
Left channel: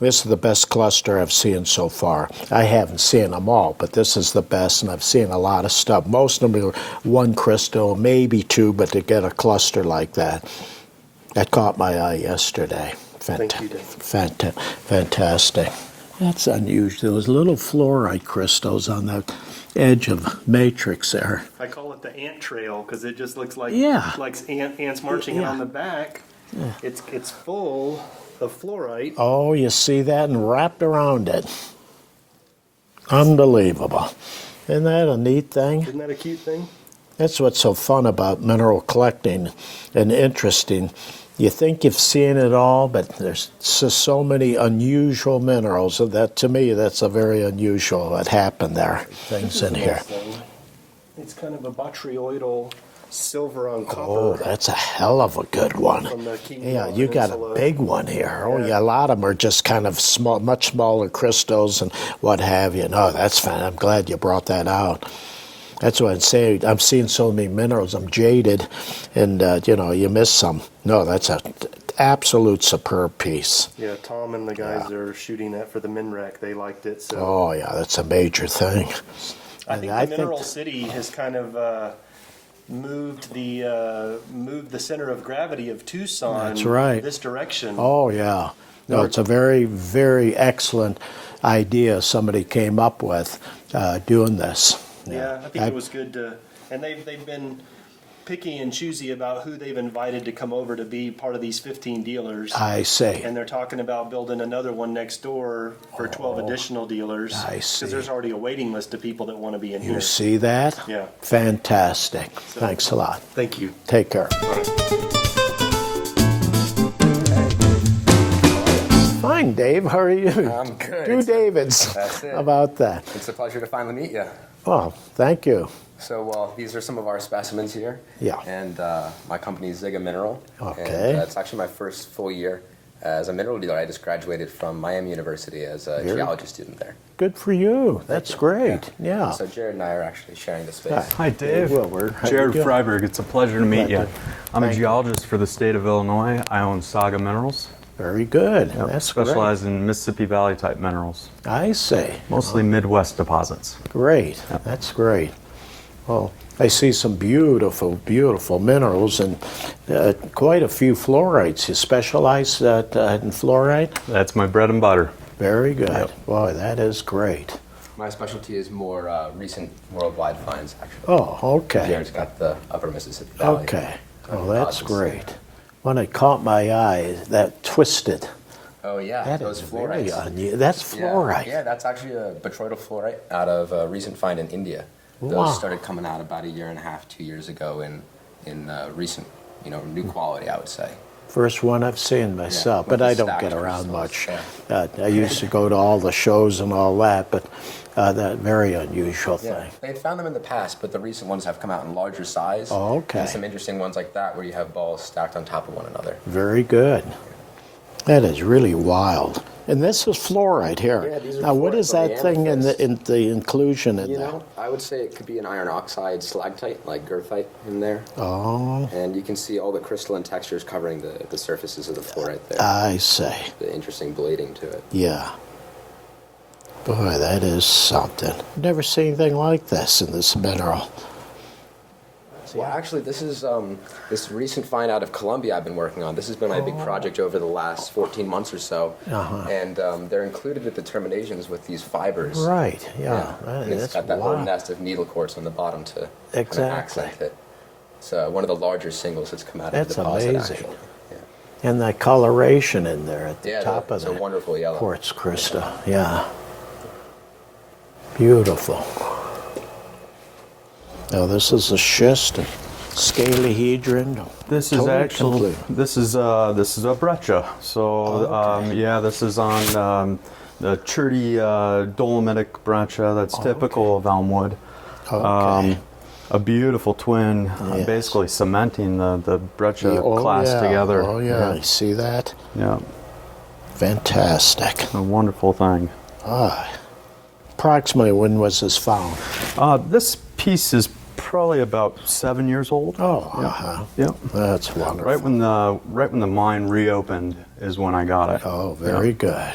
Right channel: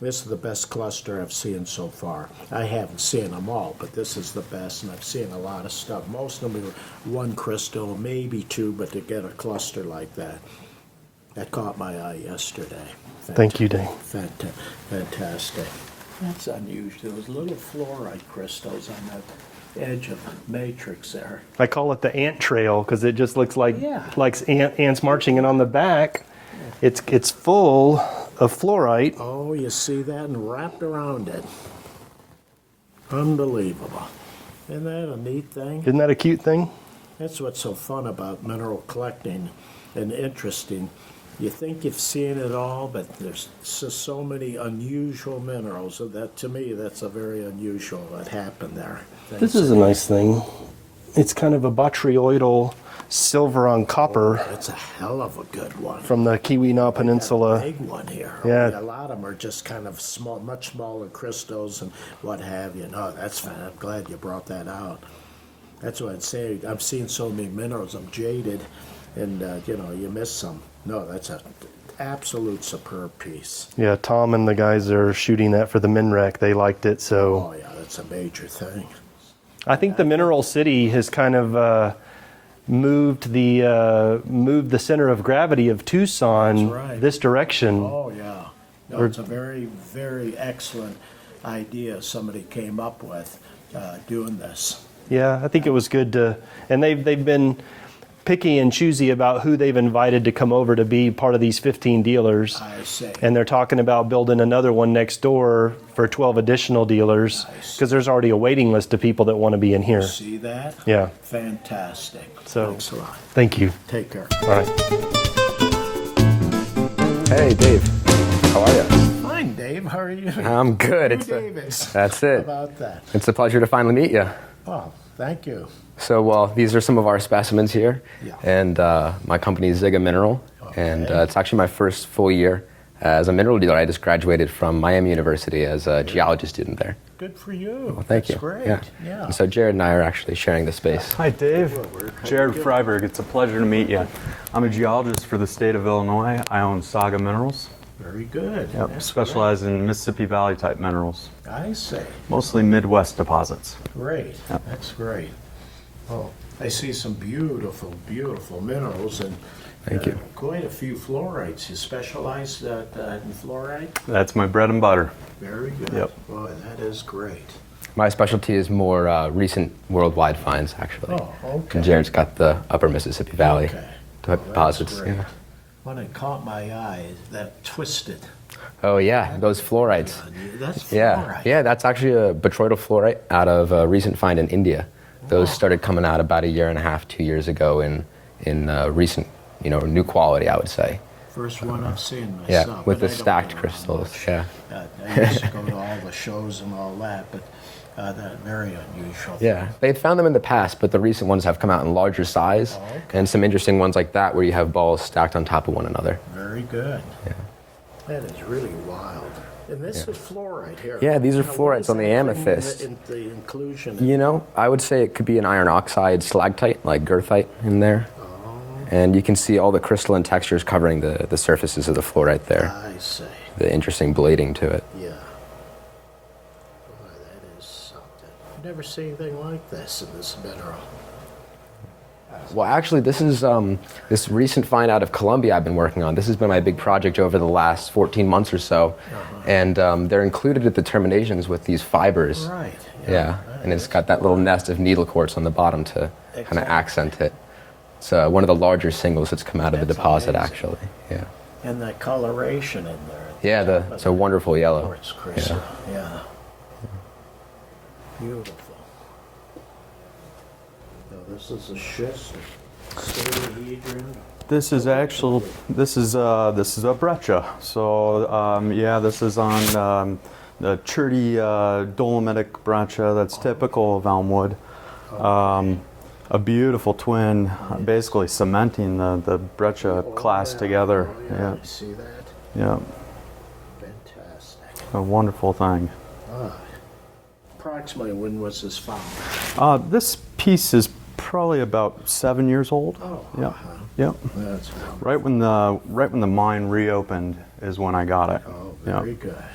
This is the best cluster I've seen so far. I haven't seen them all, but this is the best, and I've seen a lot of stuff. Most of them are one crystal, maybe two, but to get a cluster like that, that caught my eye yesterday. Thank you, Dave. Fantastic. That's unusual. Those little fluorite crystals on the edge of matrix there. I call it the ant trail because it just looks like ants marching, and on the back, it's full of fluorite. Oh, you see that, and wrapped around it. Unbelievable. Isn't that a neat thing? Isn't that a cute thing? That's what's so fun about mineral collecting and interesting. you think you've seen it all, but there's just so many unusual minerals. So that, to me, that's a very unusual what happened there. This is a nice thing. It's kind of a botryoidal silver on copper. Oh, that's a hell of a good one. From the Keweenaw You got Peninsula. a big one here. Yeah. Oh, yeah, a lot of them are just kind of small, much smaller crystals and what have you. No, that's fine. I'm glad you brought that out. That's what I'm saying. I'm seeing so many minerals. I'm jaded, and you miss some. No, that's an absolute superb piece. Yeah, Tom and the guys that are shooting that for the MinRec, they liked it. So Oh yeah, that's a major thing. I think the Mineral City has kind of moved the center of gravity of Tucson That's right. this direction. Oh yeah. No, it's a very, very excellent idea somebody came up with doing this. Yeah, I think it was good to, and they've been picky and choosy about who they've invited to come over to be part of these 15 dealers. I see. And they're talking about building another one next door for 12 additional dealers. I see. Because there's already a waiting list of people that want to be in here. You see that? Yeah. Fantastic. So- Thanks a lot. Thank you. Take care. All right. Hey, Dave. How are you? Fine, Dave. How are you? I'm good. Two It's Davids. That's it. How about that? It's a pleasure to finally meet you. Oh, thank you. So, well, these are some of our specimens here. Yeah. And my company is Nimeral. Okay. And it's actually my first full year as a mineral dealer. I just graduated from Miami University as a geology student there. Good for you. Thank That's you. great. Yeah. So Jared and I are actually sharing the space. Hi, Dave. Wilber. How Jared you doing? Freiberg. It's a pleasure to meet you. I'm a geologist for the state of Illinois. I own Saga Minerals. Very good. Yep. That's Specialize in Mississippi Valley type minerals, great. I see. mostly Midwest deposits. Great. That's great. Well, I see some beautiful, beautiful minerals and quite a few fluorites. You specialize in fluorite? That's my bread and butter. Very good. Yep. Boy, that is great. My specialty is more recent worldwide finds, actually. Oh, okay. And Jared's got the upper Mississippi Valley Okay. Well, that's deposits. great. When it caught my eye, that twisted. Oh, yeah, That those is fluorites. really that's Yeah, fluorite. yeah, that's actually a botryoidal fluorite out of a recent find in India. Those Wow. started coming out about 1.5 years, 2 years ago in recent, new quality, I would say. First one I've seen myself, with but the I don't stacked get around crystals, much. yeah. I used to go to all the shows and all that, but that very unusual thing. Yeah, they'd found them in the past, but the recent ones have come out in larger size. Oh, okay. And some interesting ones like that where you have balls stacked on top of one another. Very good. That is really wild. And this is fluorite here. Yeah, these are Now, what fluorites is on the that thing amethyst. in the inclusion? In I would say it could be an iron oxide stalactite, like goethite in there. Oh, And you can see all the crystalline textures covering the surfaces of the fluorite there. I see. The interesting blading to it. Yeah. Boy, that is something. Never seen anything like this in this mineral. Well, actually, this is this recent find out of Colombia I've been working on. This has been my big project over the last 14 months or so. And they're included at the terminations with these fibers. Right. Yeah. Right, And it's that's got that little wild. nest of needle quartz on the bottom to kind of Exactly. accent it. It's one of the larger singles that's come out of the That's deposit, amazing. actually. Yeah. And that coloration in there at the Yeah, top of it's a the wonderful yellow. quartz crystal. Yeah. Beautiful. Now this is a schist, a scalehedron. This is Totally actually complete. this is a breccia. So yeah, this is on the cherty dolomitic breccia that's typical of Elmwood. Okay. A beautiful twin, Yes. basically cementing the breccia Oh, class yeah. together. Oh yeah, you see that? Yeah, Fantastic. a wonderful thing. Approximately when was this found? This piece is probably about 7 years old. Oh, yeah, yeah. That's wonderful. Right when the mine reopened is when I got it. Oh, very Yeah. good.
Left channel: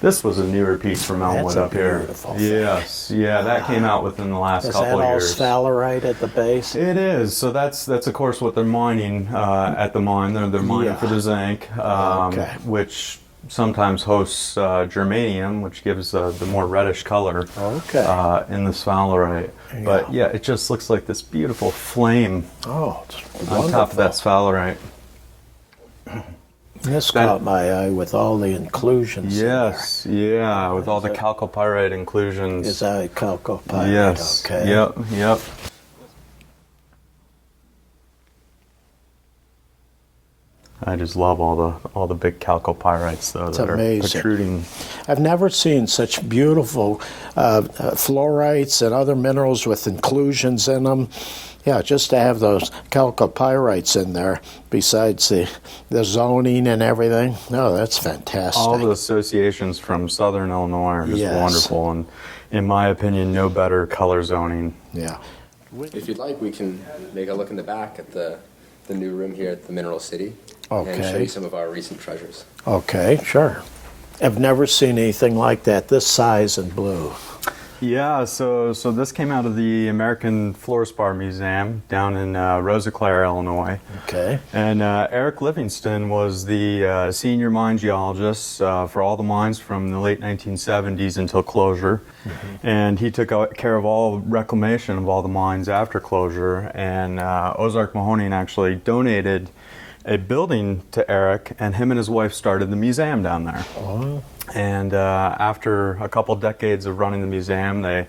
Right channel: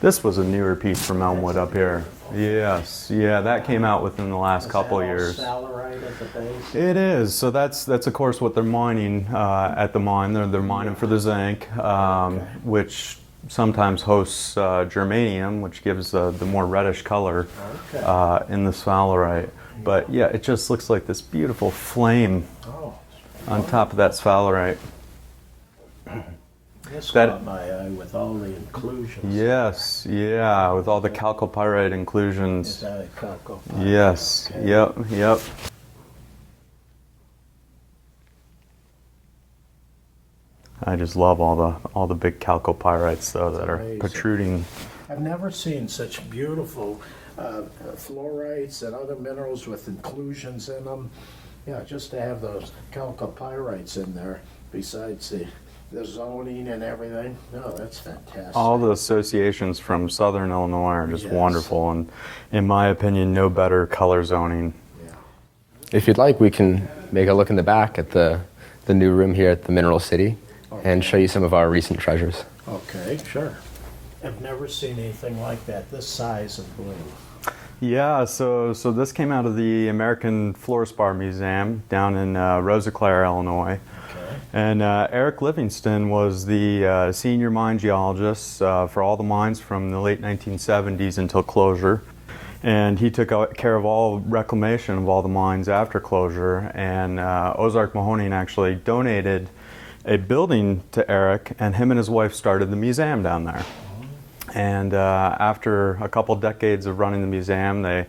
This was a newer piece from Elmwood That's a up here. beautiful thing. Yes, yeah, that came out within the last Is couple that of all years. sphalerite at the base? It is. So that's of course what they're mining at the mine. They're mining Yeah. for the zinc, Okay. which sometimes hosts germanium, which gives the more reddish color Okay. in the sphalerite. But yeah, it just looks like this beautiful flame Oh, it's on top of that sphalerite. This That- caught my eye with all the inclusions. Yes, yeah, with all the chalcopyrite inclusions. Is that chalcopyrite? Yes. Okay. Yep. I just love all the big chalcopyrites though that amazing. are protruding. I've never seen such beautiful fluorites and other minerals with inclusions in them. Yeah, just to have those chalcopyrites in there, besides the zoning and everything. No, that's fantastic. All the associations from Southern Illinois are just Yes. wonderful, and in my opinion, no better color zoning. Yeah. If you'd like, we can make a look in the back at the new room here at the Mineral City and show Okay. you some of our recent treasures. Okay, sure. I've never seen anything like that, this size and blue. Yeah, so this came out of the American Fluorspar Museum down in Rosiclare, Illinois. Okay. And Eric Livingston was the senior mine geologist for all the mines from the late 1970s until closure. And he took care of all reclamation of all the mines after closure. And Ozark Mahoning actually donated a building to Eric, and him and his wife started the museum down there. And after a couple decades of running the museum, they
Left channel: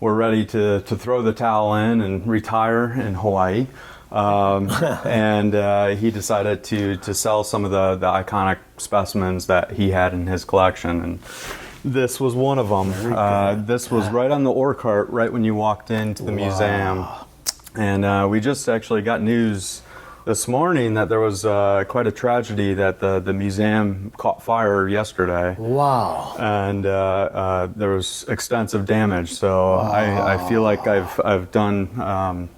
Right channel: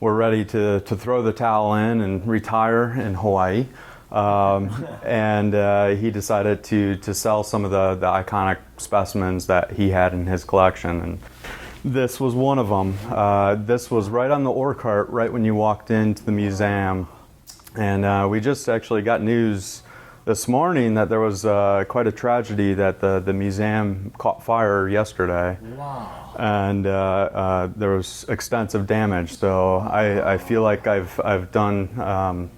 were ready to throw the towel in and retire in Hawaii. And he decided to sell some of the iconic specimens that he had in his collection. And this was one of them. This was right on the ore cart, right when you walked into the museum. And we just actually got news this morning that there was quite a tragedy, that the museum caught fire yesterday. Wow. And there was extensive damage. So I feel like I've done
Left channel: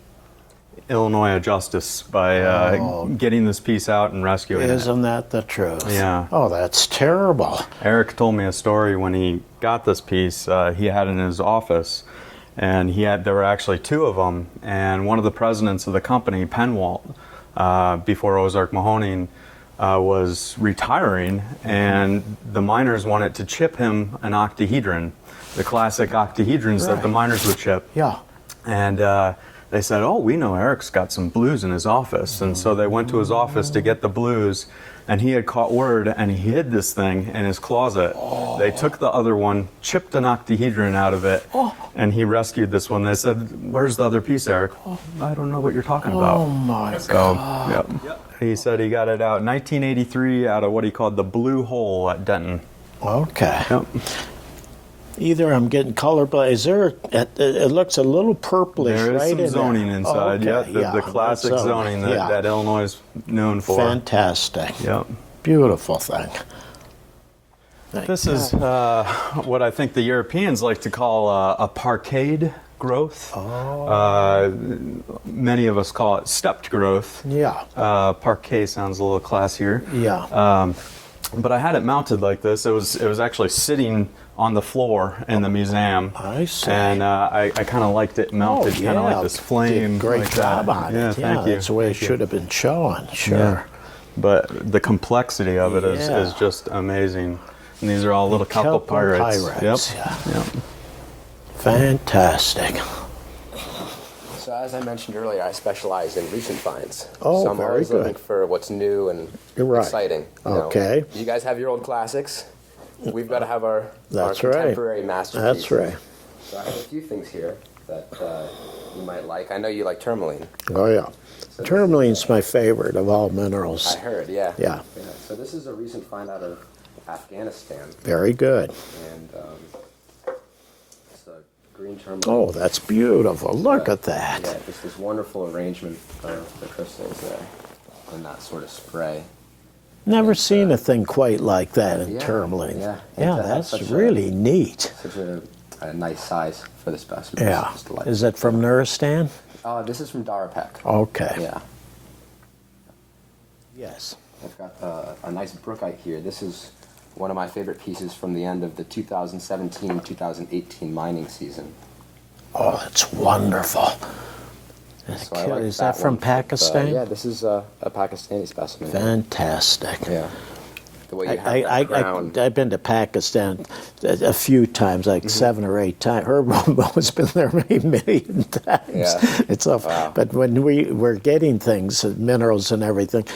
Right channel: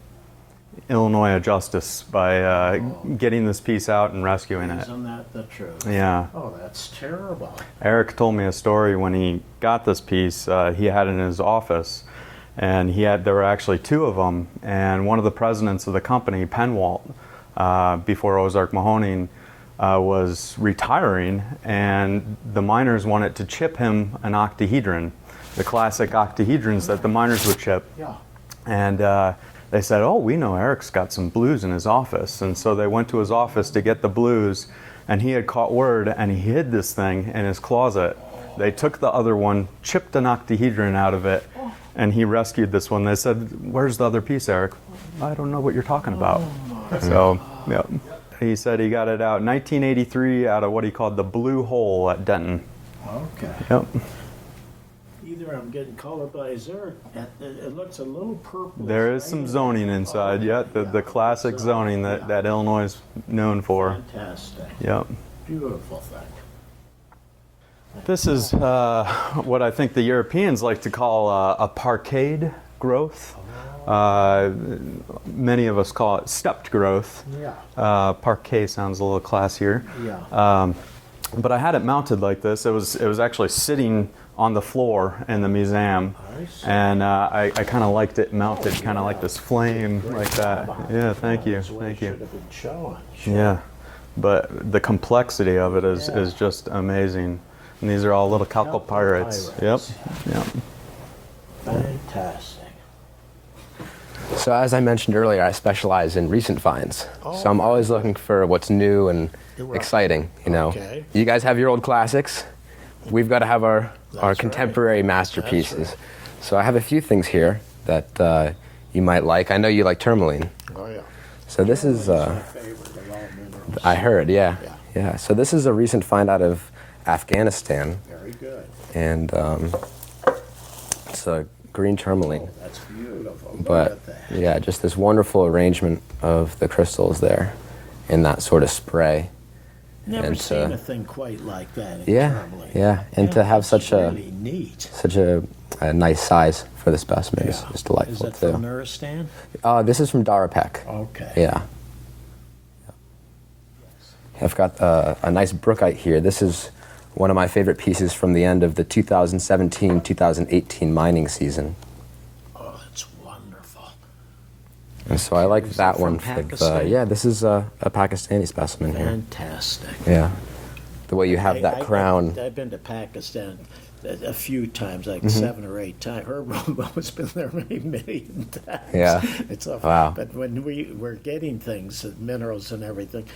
Illinois a justice by getting this piece out and rescuing it. Isn't that the truth? Yeah. Oh, that's terrible. Eric told me a story when he got this piece. He had it in his office, and there were actually two of them. And one of the presidents of the company, Penwalt, before Ozark Mahoning, was retiring, and the miners wanted to chip him an octahedron, the classic octahedrons that the miners would chip. Yeah. And they said, oh, we know Eric's got some blues in his office. And so they went to his office to get the blues, and he had caught word, and he hid this thing in his closet. They took the other one, chipped an octahedron out of it, and he rescued this one. They said, where's the other piece, Eric? I don't know what you're talking about. Oh, my So, God. yep. He said he got it out in 1983 out of what he called the Blue Hole at Denton. Okay. Yep. Either I'm getting colorblind. Is there? It looks a little purplish. There is right some in zoning there. inside, Okay, the classic that's zoning that, yeah. that Illinois is known for. Fantastic. Yep. Beautiful thing. This is what I think the Europeans like to call a parkade growth. Many of us call it stepped growth. Yeah. Parquet sounds a little classier. Yeah. But I had it mounted like this. It was actually sitting on the floor in the museum. I see. And I kind of liked it mounted, kind of like this flame, Great like that. job on it. Yeah, thank you. That's the way it Thank you. should have been shown. Sure. Yeah. But the complexity of it is just amazing. And these are all little chalcopyrites. Chalcopyrites, Yep. Yep. Fantastic. So as I mentioned earlier, I specialize in recent finds. Oh, so I'm very always good. looking for what's new and You're right. exciting. You know, Okay. you guys have your old classics. We've got to have our That's contemporary right. masterpieces. That's right. So I have a few things here that you might like. I know you like tourmaline. Oh yeah. So this Tourmaline's is, my favorite of all minerals. I heard, yeah. Yeah. Yeah. So this is a recent find out of Afghanistan, Very good. and it's a green tourmaline. Oh, that's beautiful. Look But, at that. Yeah, just this wonderful arrangement of the crystals there in that sort of spray. Never and, seen a thing quite like that in yeah, tourmaline. yeah, and to have that's such a- really neat. Such a nice size for the specimens. Yeah. It's delightful. Is that from Nuristan? This is from Darapek. Okay. Yeah. Yes. I've got a nice brookite here. This is one of my favorite pieces from the end of the 2017-2018 mining season. Oh, that's wonderful. And so I like Is that that from one. Pakistan? Yeah, this is a Pakistani specimen. here. Fantastic. Yeah. The way you have that crown. I've been to Pakistan a few times, like 7 or 8 times. Herbo's been there many times. Yeah. It's a, Wow. But when we were getting things, minerals and everything,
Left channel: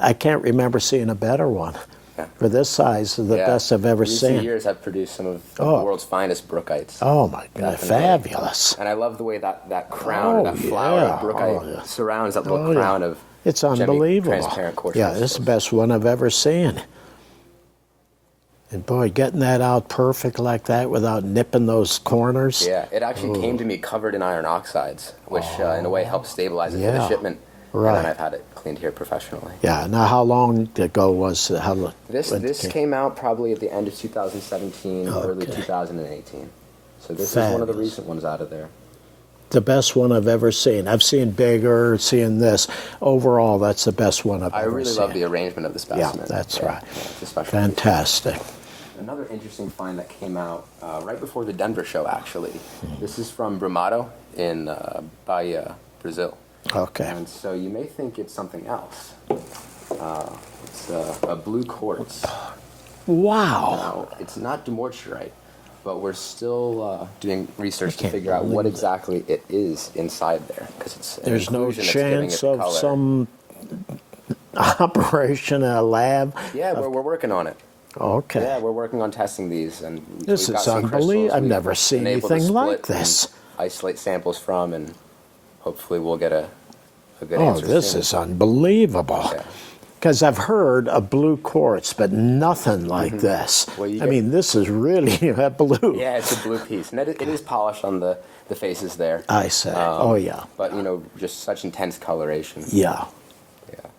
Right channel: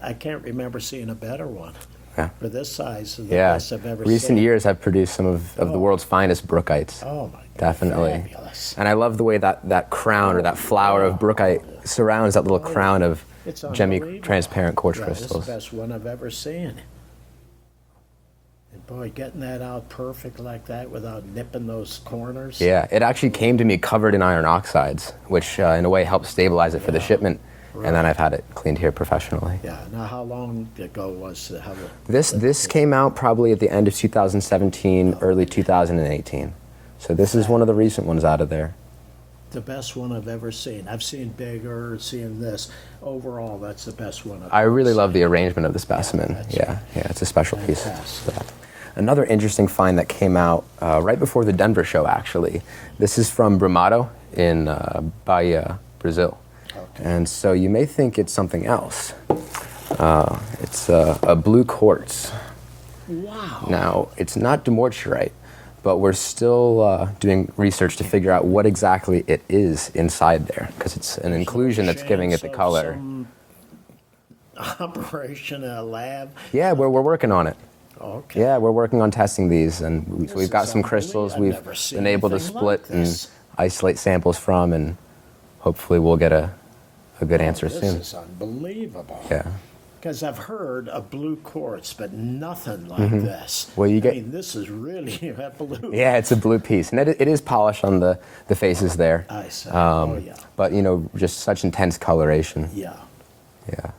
I can't remember seeing a better one. Yeah. For this size, the best I've ever Recent seen. years have produced some of the world's finest brookites. Oh my God, Definitely. fabulous. And I love the way that crown or Oh, that flower yeah. of brookite Oh, yeah. surrounds that little Oh, crown yeah. of It's unbelievable. transparent quartz Yeah, crystals. it's the best one I've ever seen. And boy, getting that out perfect like that without nipping those corners. Yeah, it actually came to me covered in iron oxides, which in a way helped stabilize it for the Yeah. shipment. Right. And then I've had it cleaned here professionally. Yeah. Now, how long ago was it? This came out probably at the end of 2017, early 2018. So this is one of the recent ones out of there. The best one I've ever seen. I've seen bigger, seen this. Overall, that's the best one I've I ever really seen. love the arrangement of the specimen. Yeah, that's right. Yeah, it's a special piece. Fantastic. Another interesting find that came out right before the Denver show, actually. This is from Brumado in Bahia, Brazil. Okay. And so you may think it's something else. It's a blue quartz. Wow. Now, it's not dumortierite, but we're still doing research to figure out what exactly it is inside there, because it's an inclusion that's giving it the color. Some operation in a lab. Yeah, we're working on it. Okay. Yeah, we're working on testing these, and This we've got is some crystals unbelievable. I've we've never seen been able to anything split like this. and isolate samples from, and hopefully we'll get a good answer This soon. is unbelievable. Yeah. Because I've heard of blue quartz, but nothing like this. Well, you I mean, this is really blue. Yeah, it's a blue piece, and it is polished on the faces there. I say. Oh, yeah. But, just such intense coloration. Yeah. Yeah.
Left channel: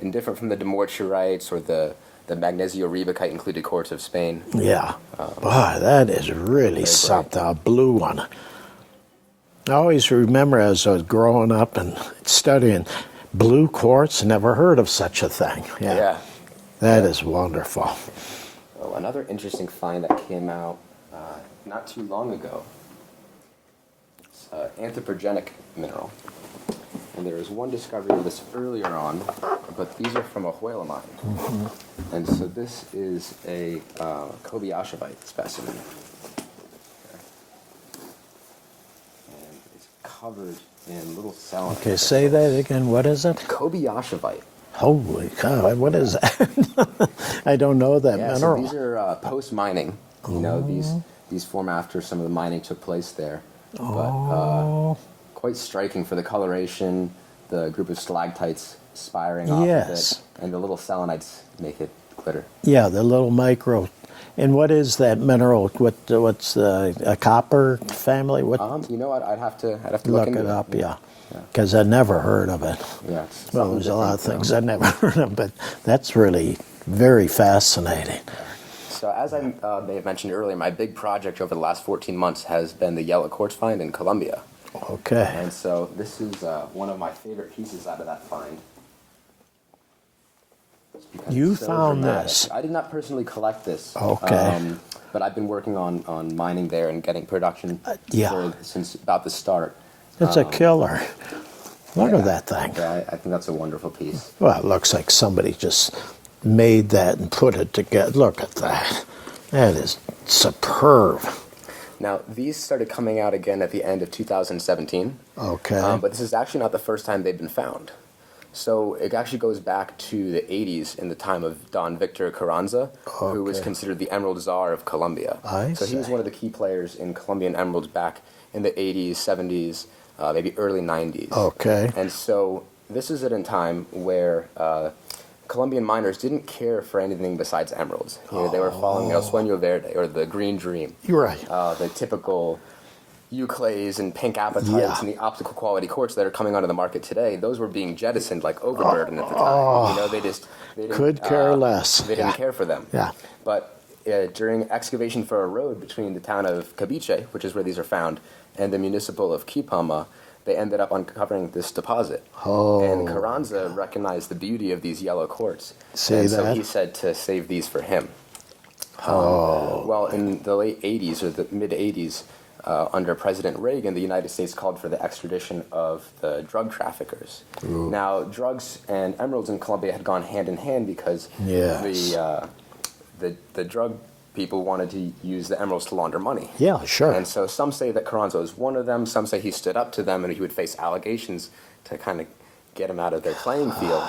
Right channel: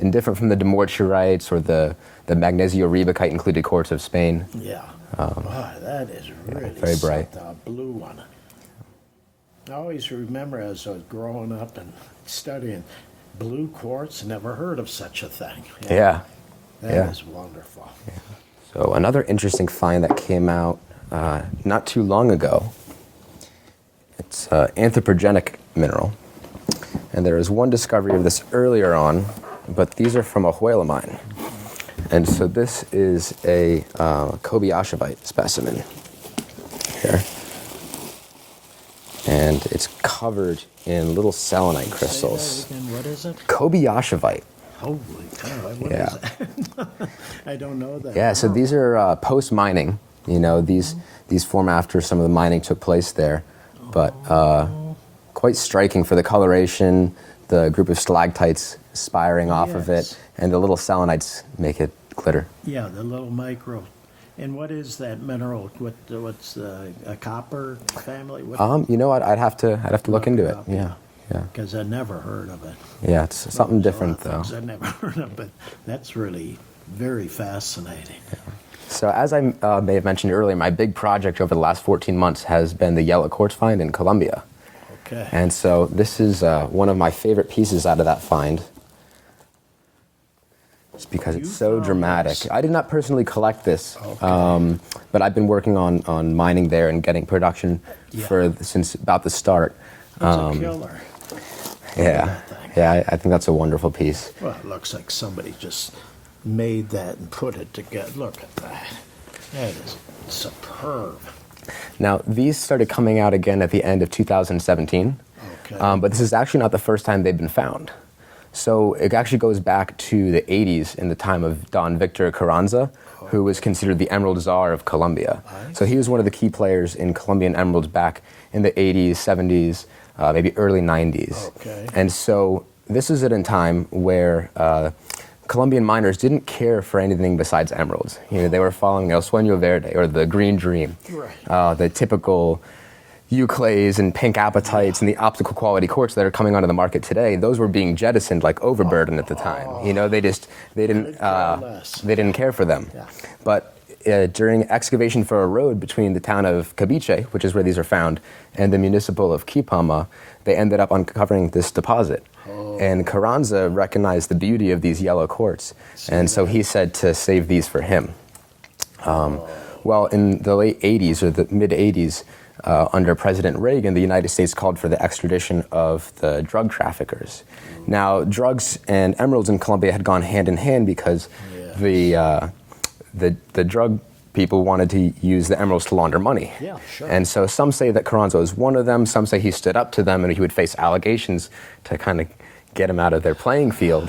And different from the dumortierites or the magnesio-rebecite included quartz of Spain. Yeah. Boy, that is really bright. something, a blue one. I always remember as I was growing up and studying blue quartz, never heard of such a thing. Yeah. That is wonderful. So another interesting find that came out not too long ago, it's anthropogenic mineral. And there was one discovery of this earlier on, but these are from a Huela mine. And so this is a Kobayashevite specimen here. And it's covered in little selenite crystals. Say that again, what is it? Kobayashevite. Holy cow, what is that? I don't know that. Yeah, so mineral. these are post-mining. These form after some of the mining took place there. But quite striking for the coloration, the group of stalactites spiring off of Yes. it, and the little selenites make it glitter. Yeah, the little micro. And what is that mineral? What's a copper family? What? You know what? I'd have to look into it it. up. Yeah. Because I never heard of it. Yeah, it's something There's different. A lot of things I never heard of, but that's really very fascinating. So as I may have mentioned earlier, my big project over the last 14 months has been the yellow quartz find in Colombia. Okay. And so this is one of my favorite pieces out of that find. Just because You it's so found dramatic. this. I did not personally collect this. Okay. But I've been working on mining there and getting production since about the start. It's a killer. Look at that thing. Yeah, I think that's a wonderful piece. Well, it looks like somebody just made that and put it together. Look at that. That is superb. Now, these started coming out again at the end of 2017. Okay. But this is actually not the first time they've been found. So it actually goes back to the 80s in the time of Don Victor Carranza, who was considered the Emerald Czar of Colombia. So he was one of the key players in Colombian emeralds back in the 80s, 70s, maybe early 90s. Okay. And so this is at a time where Colombian miners didn't care for anything besides emeralds. They were following El Sueño Verde, or the green dream. You're right. The typical euclays and pink apatites and the optical quality quartz that are coming onto the market today, those were being jettisoned like overburden at the time. They didn't Could care less. They didn't care for them. Yeah. But during excavation for a road between the town of Cabiche, which is where these are found, and the municipal of Quipama, they ended up uncovering this deposit. And Carranza recognized the beauty of these yellow quartz. So he said to save these for him. Well, in the late 80s or the mid 80s, under President Reagan, the United States called for the extradition of the drug traffickers. Now, drugs and emeralds in Colombia had gone hand in hand because the drug people wanted to use the emeralds to launder money. Yeah, sure. And so some say that Carranza was one of them. Some say he stood up to them and he would face allegations to kind of get him out of their playing field.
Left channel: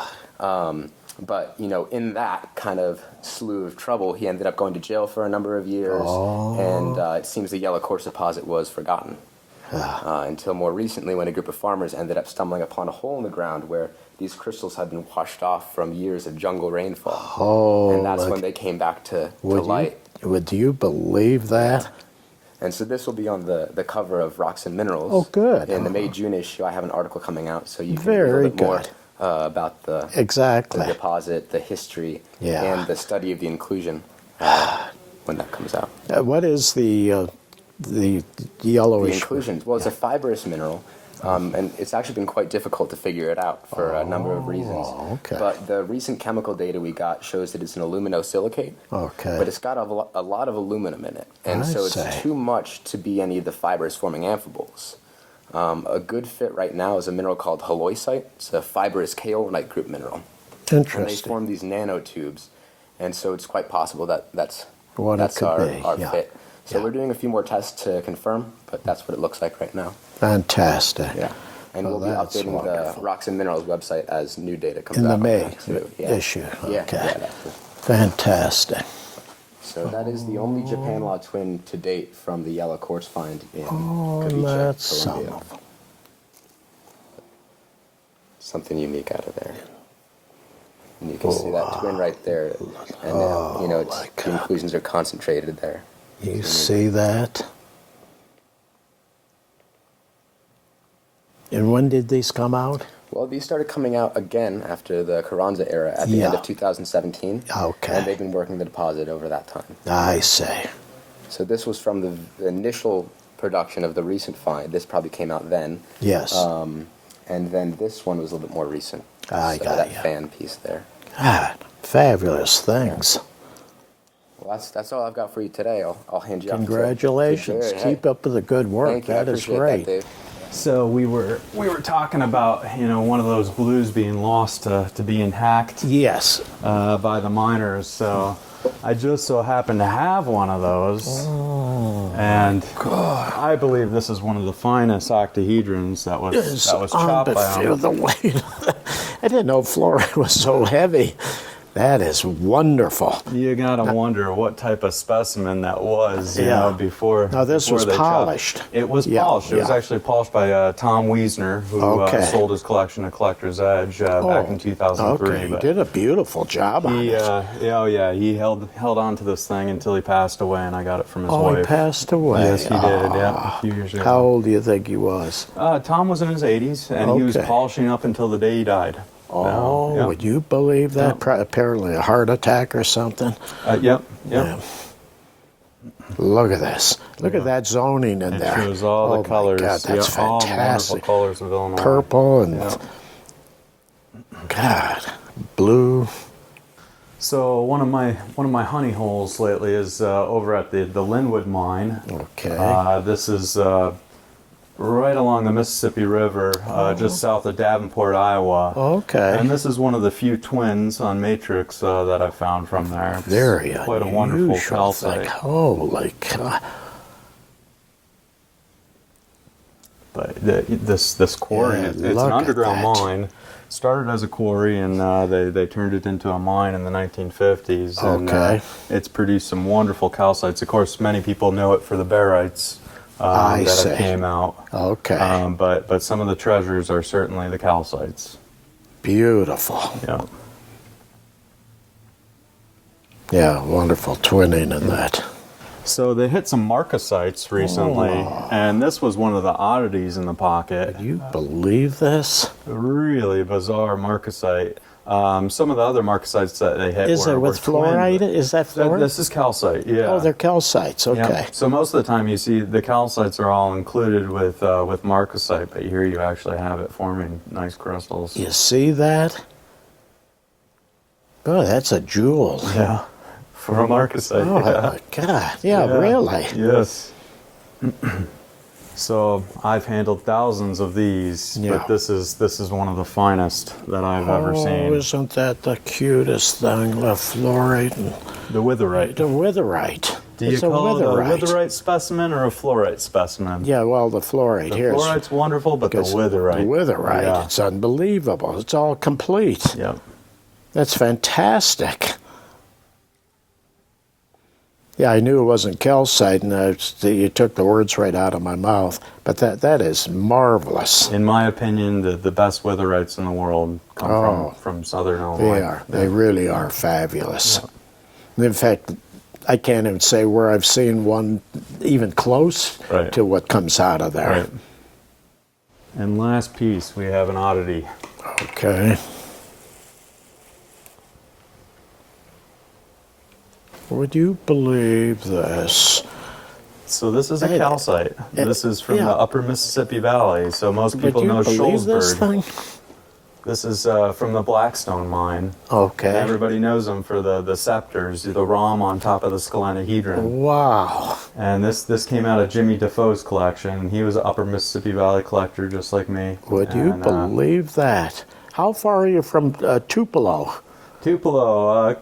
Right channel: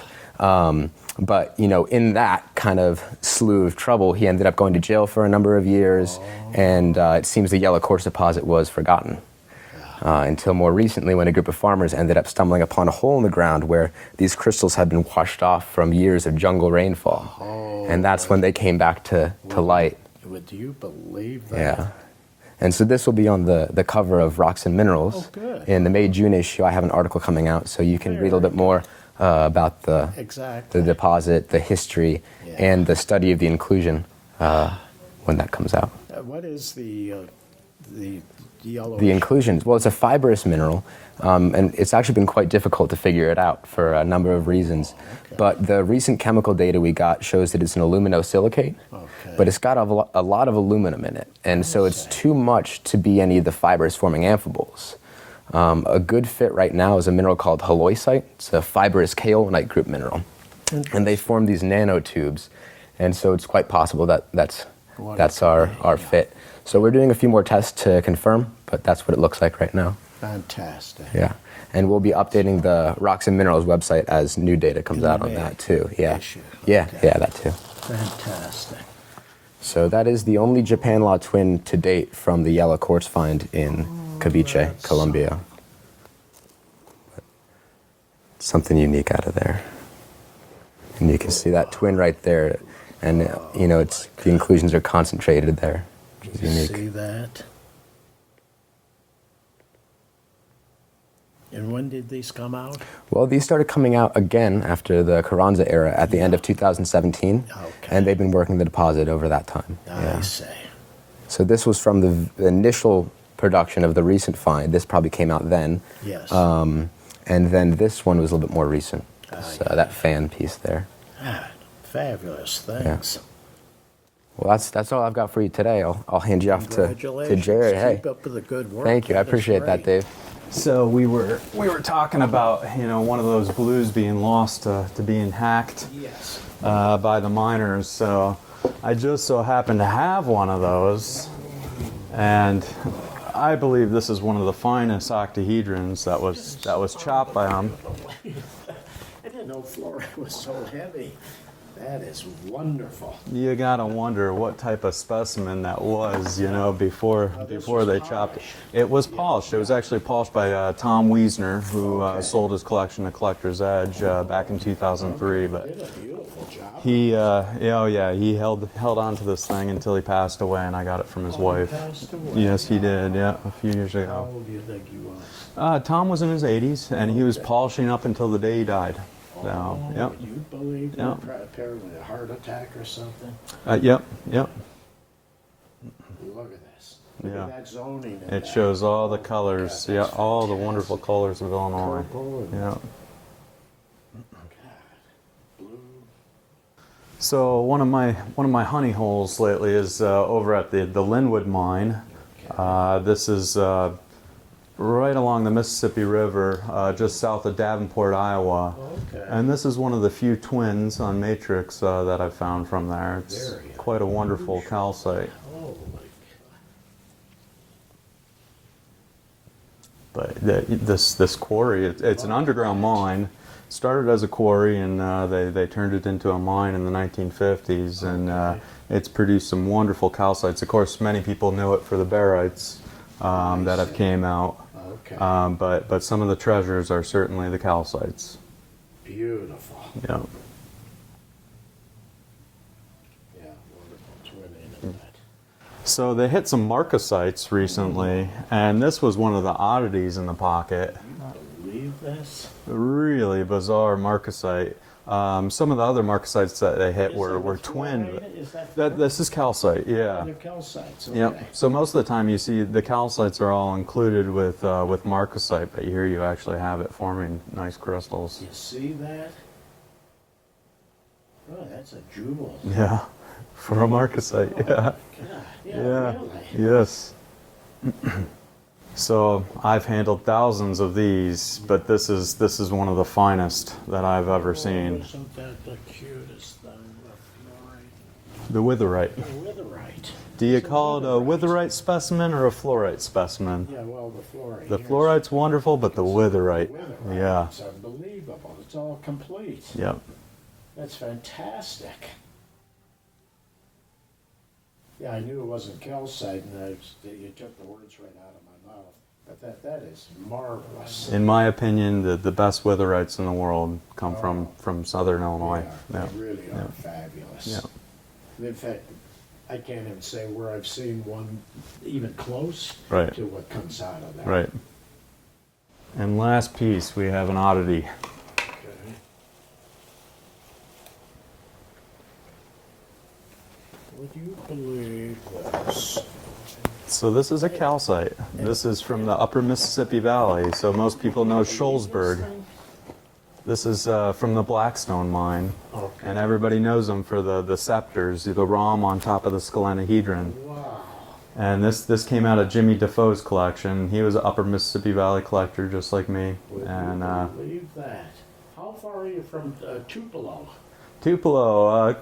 But, in that kind of slew of trouble, he ended up going to jail for a number of years, and it seems the yellow quartz deposit was forgotten. until more recently when a group of farmers ended up stumbling upon a hole in the ground where these crystals had been washed off from years of jungle rainfall. Oh, and that's when they came back to light. Would you believe that? Yeah. And so this will be on the cover of Rocks and Minerals. Oh, good. In the May-June issue, I have an article coming out, so you can read a little bit more about the deposit, the history, and the study of the inclusion when that comes out. What is the yellowish? The inclusion. Well, it's a fibrous mineral, and it's actually been quite difficult to figure it out for a number of reasons. Okay. But the recent chemical data we got shows that it's an aluminosilicate. Okay. But it's got a lot of aluminum in it, and so it's too much to be any of the fibers forming amphiboles. A good fit right now is a mineral called halloysite. It's a fibrous kaolinite group mineral. And they form these nanotubes, and so it's quite possible that that's our fit. So we're doing a few more tests to confirm, but that's what it looks like right now. Fantastic. Yeah. And we'll be updating the Rocks and Minerals website as new data comes out on that too. Yeah. Issue. Yeah, Okay. yeah, that too. Fantastic. So that is the only Japan Law twin to date from the yellow quartz find in Ceviche, Colombia. Something unique out of there. And you can see that twin right there. And, the inclusions are concentrated there. You see that? And when did these come out? Well, these started coming out again after the Carranza era at the end of 2017. Okay. And they've been working the deposit over that time. I see. So this was from the initial production of the recent find. This probably came out then. Yes. And then this one was a little bit more recent. That fan piece there. God, fabulous things. Yeah. Well, that's all I've got for you today. I'll hand you off to Jerry. Keep up with the good work. Thank you. I appreciate that, Dave. So we were talking about one of those blues being lost to being hacked. Yes. By the miners. So I just so happen to have one of those, and I believe this is one of the finest octahedrons that was chopped by them. The weight. I didn't know fluorite was so heavy. That is wonderful. You gotta wonder what type of specimen that was, before. Now this before was they polished. Chopped. It was polished. It was actually polished by Tom Wiesner, who sold his collection to Collector's Edge back in 2003. Okay. But He did a beautiful job. he he held on to this thing until he passed away, and I got it from his wife. He passed away. Yes, he did. Yeah, a few years ago. How old do you think he was? Tom was in his 80s, and he was polishing up until the day he died. Oh, would you believe that? Apparently a heart attack or something. Yep. Yeah. Look at this. Look at that zoning in there. It shows all the colors. God, that's all the wonderful colors of Illinois. Purple and God, blue. So one of my honey holes lately is over at the Linwood mine. Okay. This is right along the Mississippi River, just south of Davenport, Iowa. Okay. And this is one of the few twins on matrix that I found from there. It's Very quite a wonderful calcite. Holy God. But this quarry, it's an underground mine. Started as a quarry, and they turned it into a mine in the 1950s. And it's produced some wonderful calcites. Of course, many people know it for the barites that have came out. Okay. But some of the treasures are certainly the calcites. Beautiful. Yeah. Yeah, wonderful twinning in that. So they hit some marcasites recently, and this was one of the oddities in the pocket. Can you believe this? Really bizarre marcasite. Some of the other marcasites that they hit were fluorite? twin. Is that fluorite? This is calcite, yeah. Oh, they're calcites, okay. Yep. So most of the time you see the calcites are all included with marcasite, but here you actually have it forming nice crystals. You see that? Oh, that's a jewel. Yeah, for a marcasite. Oh, my God. Yeah, really? Yes. So I've handled thousands of these, but this is one of the finest that I've ever seen. Isn't that the cutest thing? The fluorite and the witherite. The witherite. Do you call it a witherite specimen or a fluorite specimen? Yeah, well, the fluorite. The fluorite's wonderful, but the witherite. The witherite, it's unbelievable. It's all complete. Yep. That's fantastic. Yeah, I knew it wasn't calcite, and you took the words right out of my mouth. But that is marvelous. In my opinion, the best witherites in the world come from southern Illinois. They are. They really are fabulous. Yeah. In fact, I can't even say where I've seen one even close to what comes out of there. Right. And last piece, we have an oddity. Okay. Would you believe this? So this is a calcite. This is from the upper Mississippi Valley. So most people know Shoalsburg. This is from the Blackstone mine. Okay. And everybody knows them for the scepters, the rhomb on top of the scalenahedron. Wow. And this came out of Jimmy Defoe's collection. He was an upper Mississippi Valley collector just like me. Would you believe that? How far are you from Tupelo? Tupelo,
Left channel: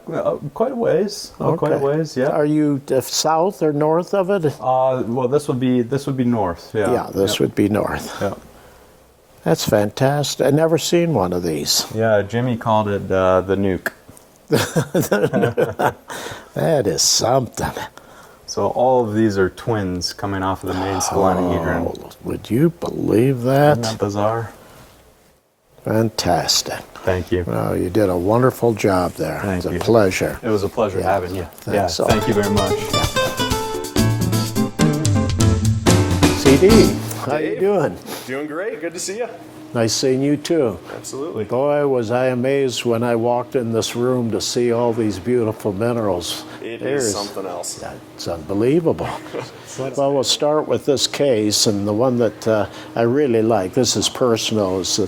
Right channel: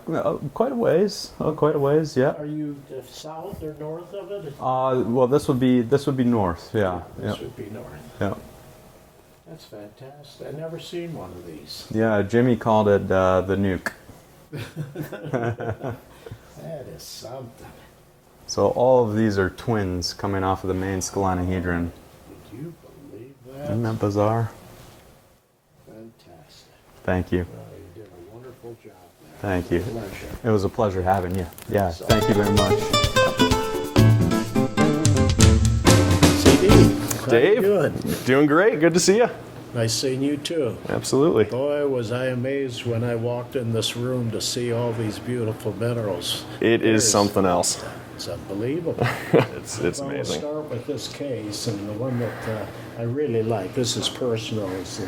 quite a ways. Quite a ways, yeah. Are you south or north of it? Well, this would be north. Yeah. Yeah, this would be north. Yeah. That's fantastic. I've never seen one of these. Yeah, Jimmy called it the nuke. That is something. So all of these are twins coming off of the main scalenahedron. Oh, would you believe that? Isn't that bizarre? Fantastic. Thank you. Oh, you did a wonderful job there. Thank you. It was a pleasure. It was a pleasure having you. So. Thank you very much. How you doing? Doing great. Good to see you. Nice seeing you too. Absolutely. Boy, was I amazed when I walked in this room to see all these beautiful minerals. It is something else. It's unbelievable. It's well, amazing. we'll start with this case, and the one that I really like, this is personal, is the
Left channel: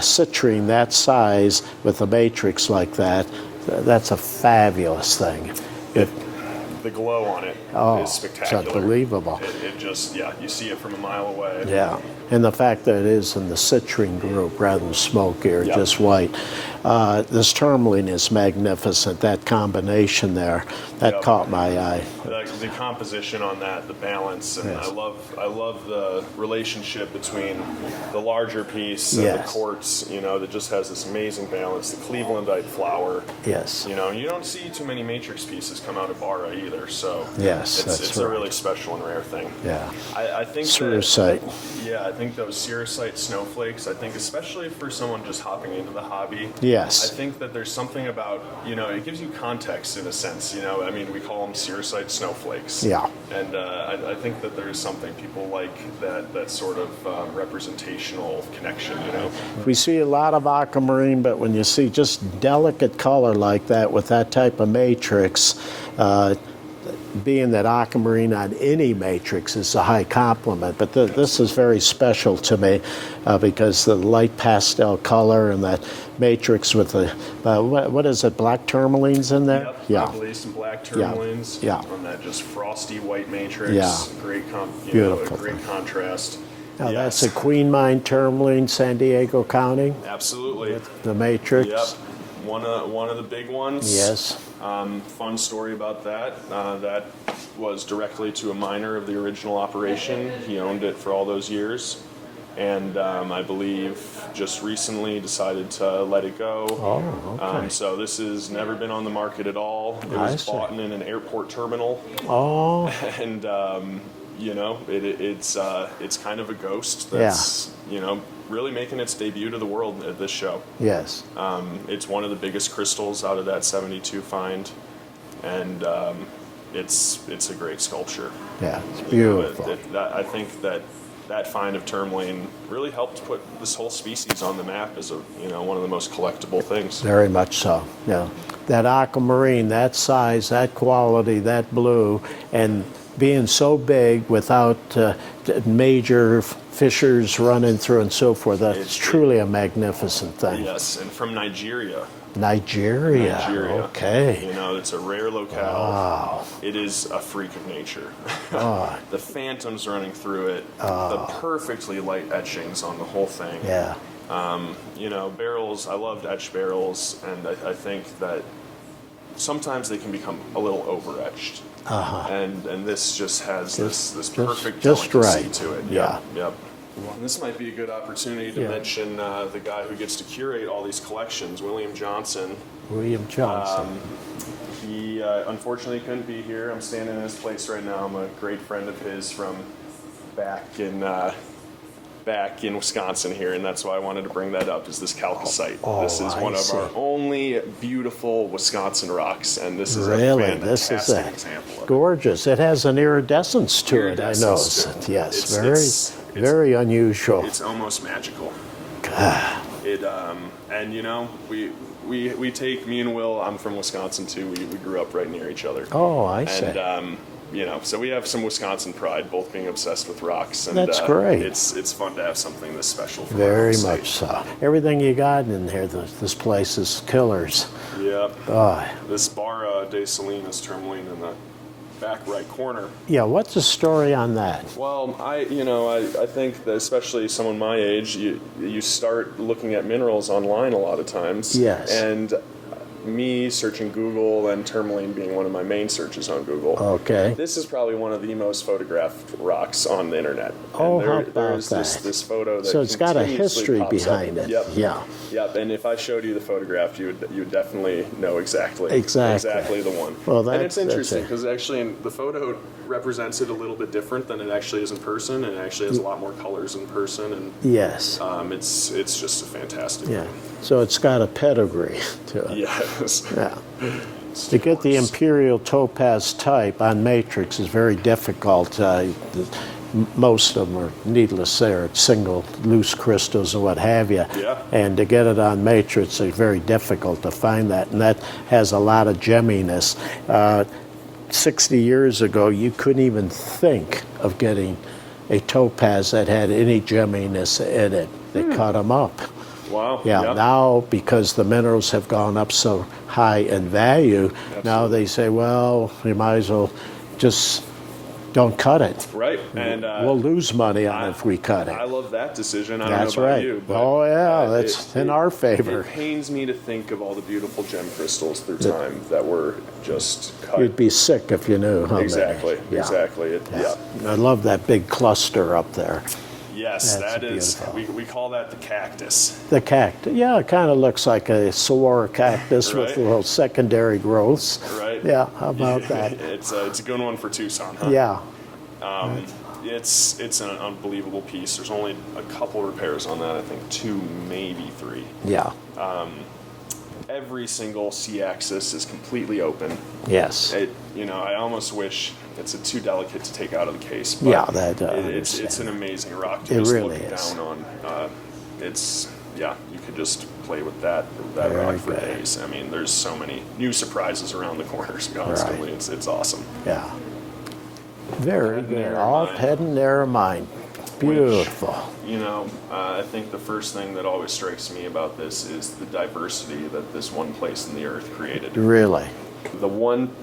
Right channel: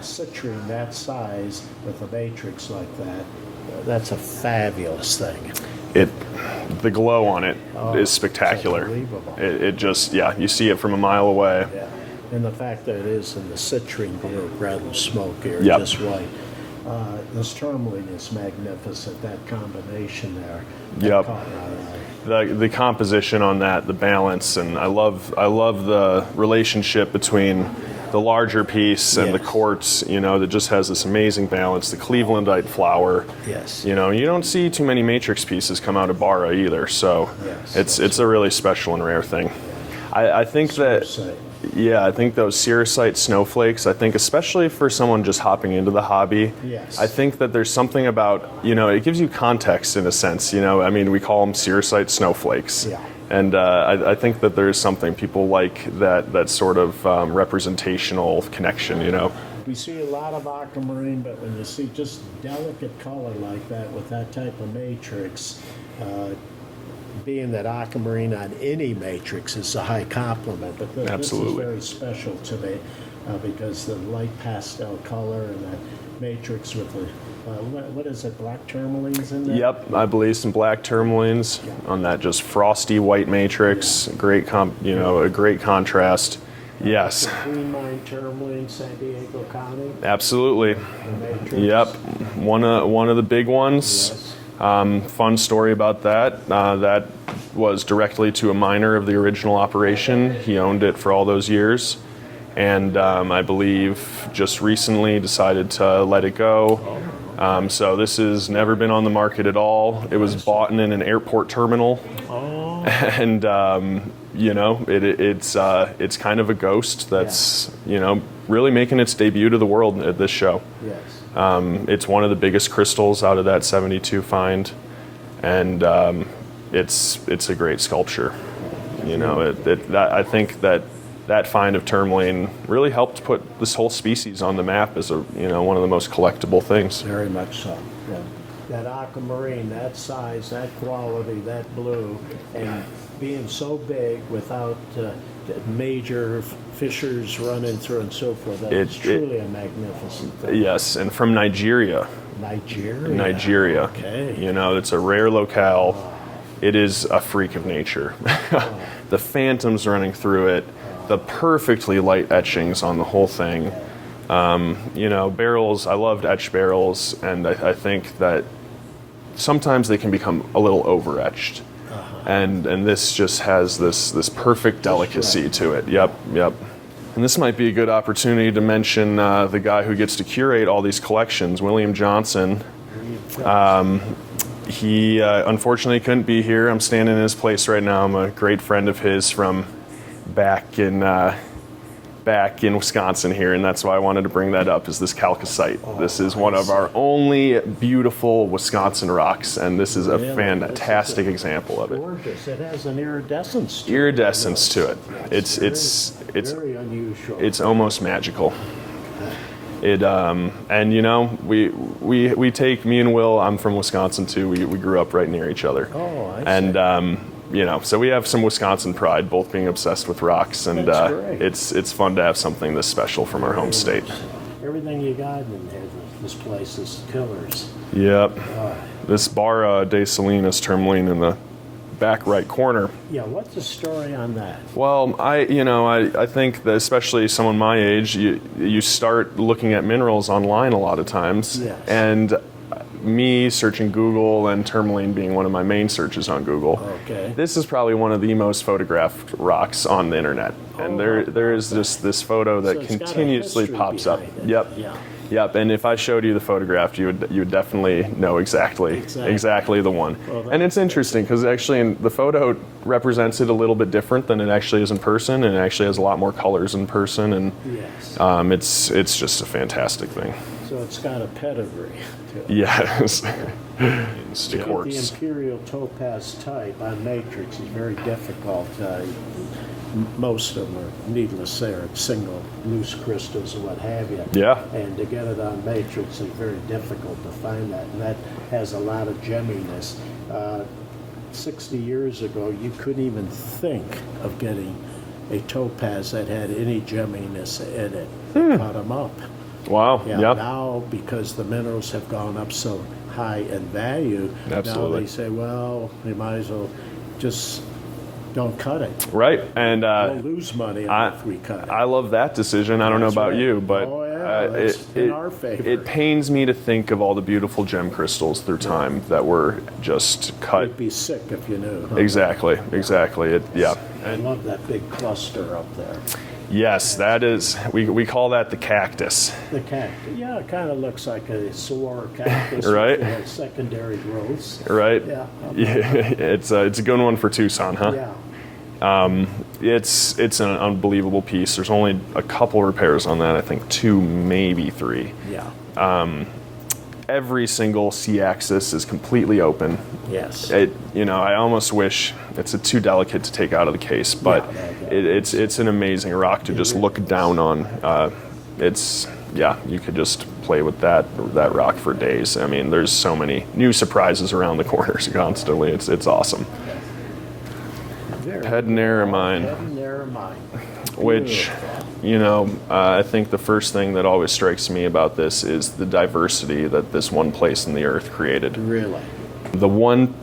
citrine that size with a matrix like that. That's a fabulous thing. The glow on it is spectacular. It's unbelievable. It just, you see it from a mile away. Yeah, and the fact that it is in the citrine group rather than smoky or Yep. just white. This tourmaline is magnificent. That combination there, that caught my eye. The composition on that, the balance, and I love the relationship between the larger piece and the quartz, that just has this amazing balance. The Clevelandite flower. Yes. You don't see too many matrix pieces come out of Barra either, so it's a really special and rare thing. Yeah. I think Cerussite. I think those cerussite snowflakes, I think especially for someone just hopping into the hobby, yes. I think that there's something about, it gives you context in a sense, we call them cerussite snowflakes. Yeah. And I think that there's something people like that sort of representational connection, We see a lot of aquamarine, but when you see just delicate color like that with that type of matrix, being that aquamarine on any matrix is a high compliment, but this is very special to me because the light pastel color and that matrix with the, what is it, black tourmalines in there? Yep, I believe some black tourmalines on that just frosty white matrix. Great, a great contrast. Now that's a Queen Mine tourmaline, San Diego County. Absolutely. The matrix. Yep, one of the big ones. Yes. Fun story about that. That was directly to a miner of the original operation. He owned it for all those years. And I believe just recently decided to let it go. Oh, okay. So this has never been on the market at all. It was bought in an airport terminal. Oh. And it's kind of a ghost that's really making its debut to the world at this show. Yes. It's one of the biggest crystals out of that 72 find, and it's a great sculpture. Yeah, it's beautiful. I think that find of tourmaline really helped put this whole species on the map as one of the most collectible things. Very much so. Yeah. That aquamarine, that size, that quality, that blue, and being so big without major fissures running through and so forth, that's truly a magnificent thing. Yes, and from Nigeria. Nigeria. Okay. It's a rare locale. Wow. It is a freak of nature. The phantoms running through it, the perfectly light etchings on the whole thing. Yeah. Barrels, I loved etched barrels, and I think that sometimes they can become a little over-etched. And this just has this perfect delicacy to it. Yep. And this might be a good opportunity to mention the guy who gets to curate all these collections, William Johnson. He unfortunately couldn't be here. I'm standing in his place right now. I'm a great friend of his from back in Wisconsin here, and that's why I wanted to bring that up, is this chalcocite. This is one of our only beautiful Wisconsin rocks, and this is a fantastic example of it. Gorgeous. It has an iridescence to it. Iridescence to it. Yes, It's very unusual. It's almost magical. It and you know, we take, me and Will, I'm from Wisconsin too. We grew up right near each other. Oh, I see. And you know, so we have some Wisconsin pride, both being obsessed with rocks, and that's great. It's fun to have something this special from Very our home state. much so. Everything you got in here, this place is killers. Yep. This Barra de Salinas tourmaline in the back right corner. Yeah, what's the story on that? Well, I think that especially someone my age, you start looking at minerals online a lot of times. Yes. And me searching Google and tourmaline being one of my main searches on Google. Okay. This is probably one of the most photographed rocks on the internet. And there is this photo that so it's continuously got a pops up. behind it. Yep. Yeah. Yep. And if I showed you the photograph, you would definitely know exactly the one. Well, and it's interesting because actually in the photo represents it a little bit different than it actually is in person, and it actually has a lot more colors in person. And yes, it's just a fantastic thing. So it's got a pedigree to it. Yes. Yeah. To get the imperial topaz type on matrix is very difficult. Most of them are, needless to say, are single loose crystals or what have you. Yeah. And to get it on matrix is very difficult to find that, and that has a lot of gemminess. 60 years ago, you couldn't even think of getting a topaz that had any gemminess in it. They cut them up. Wow. Yeah. Yep. Now, because the minerals have gone up so high in value, now they say, well, you might as well just don't cut it. Right. And we'll lose money on it if we cut it. I love that decision. I don't know about you, but that's in our favor. It pains me to think of all the beautiful gem crystals through time that were just cut. You'd be sick if you knew. Huh? Exactly. Exactly. I love that big cluster up there. Yes, that is. We call that the cactus. The cactus. Yeah, it kind of looks like a saguaro cactus right? with little secondary growths. Right. Yeah. How about that? It's a good one for Tucson, huh? Yeah. It's an unbelievable piece. There's only a couple repairs on that. I think 2, maybe 3. Yeah. Every single C-axis is completely open. Yes. I almost wish it's too delicate to take out of the case, but it's an amazing rock to just look down on. You could just play with that rock for days. I mean, there's so many new surprises around the corners constantly. Right. It's awesome. Yeah. Head and Narromine. Head and Narromine. Which, I think the first thing that always strikes me about this is the diversity that this one place in the earth created. Really? The one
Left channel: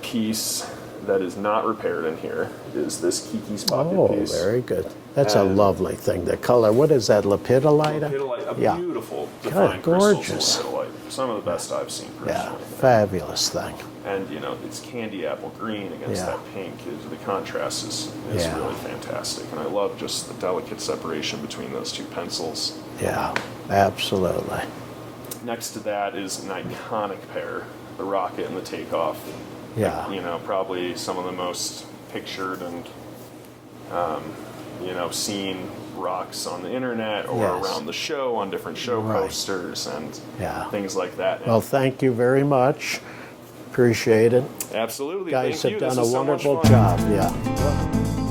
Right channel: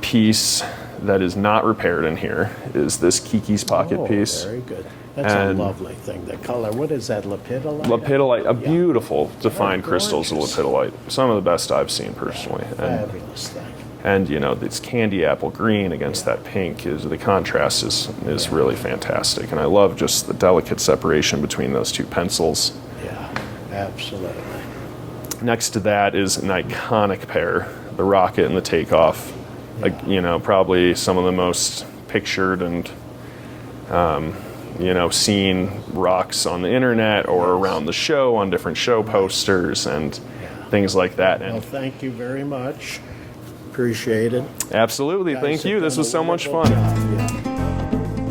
piece that is not repaired in here is this Kiki's pocket piece. Very good. That's a lovely thing. The color, what is that, lepidolite? Lepidolite, beautiful defined crystals of lepidolite. Some of the best I've seen personally. Yeah, fabulous thing. And this candy apple green against that pink, the contrast is really fantastic. And I love just the delicate separation between those two pencils. Yeah, absolutely. Next to that is an iconic pair, the rocket and the takeoff. Yeah. Probably some of the most pictured and seen rocks on the internet or around the show on different show posters and things like that. Well, thank you very much. Appreciate it. Absolutely. Thank you. This was so much fun. Job. Yeah.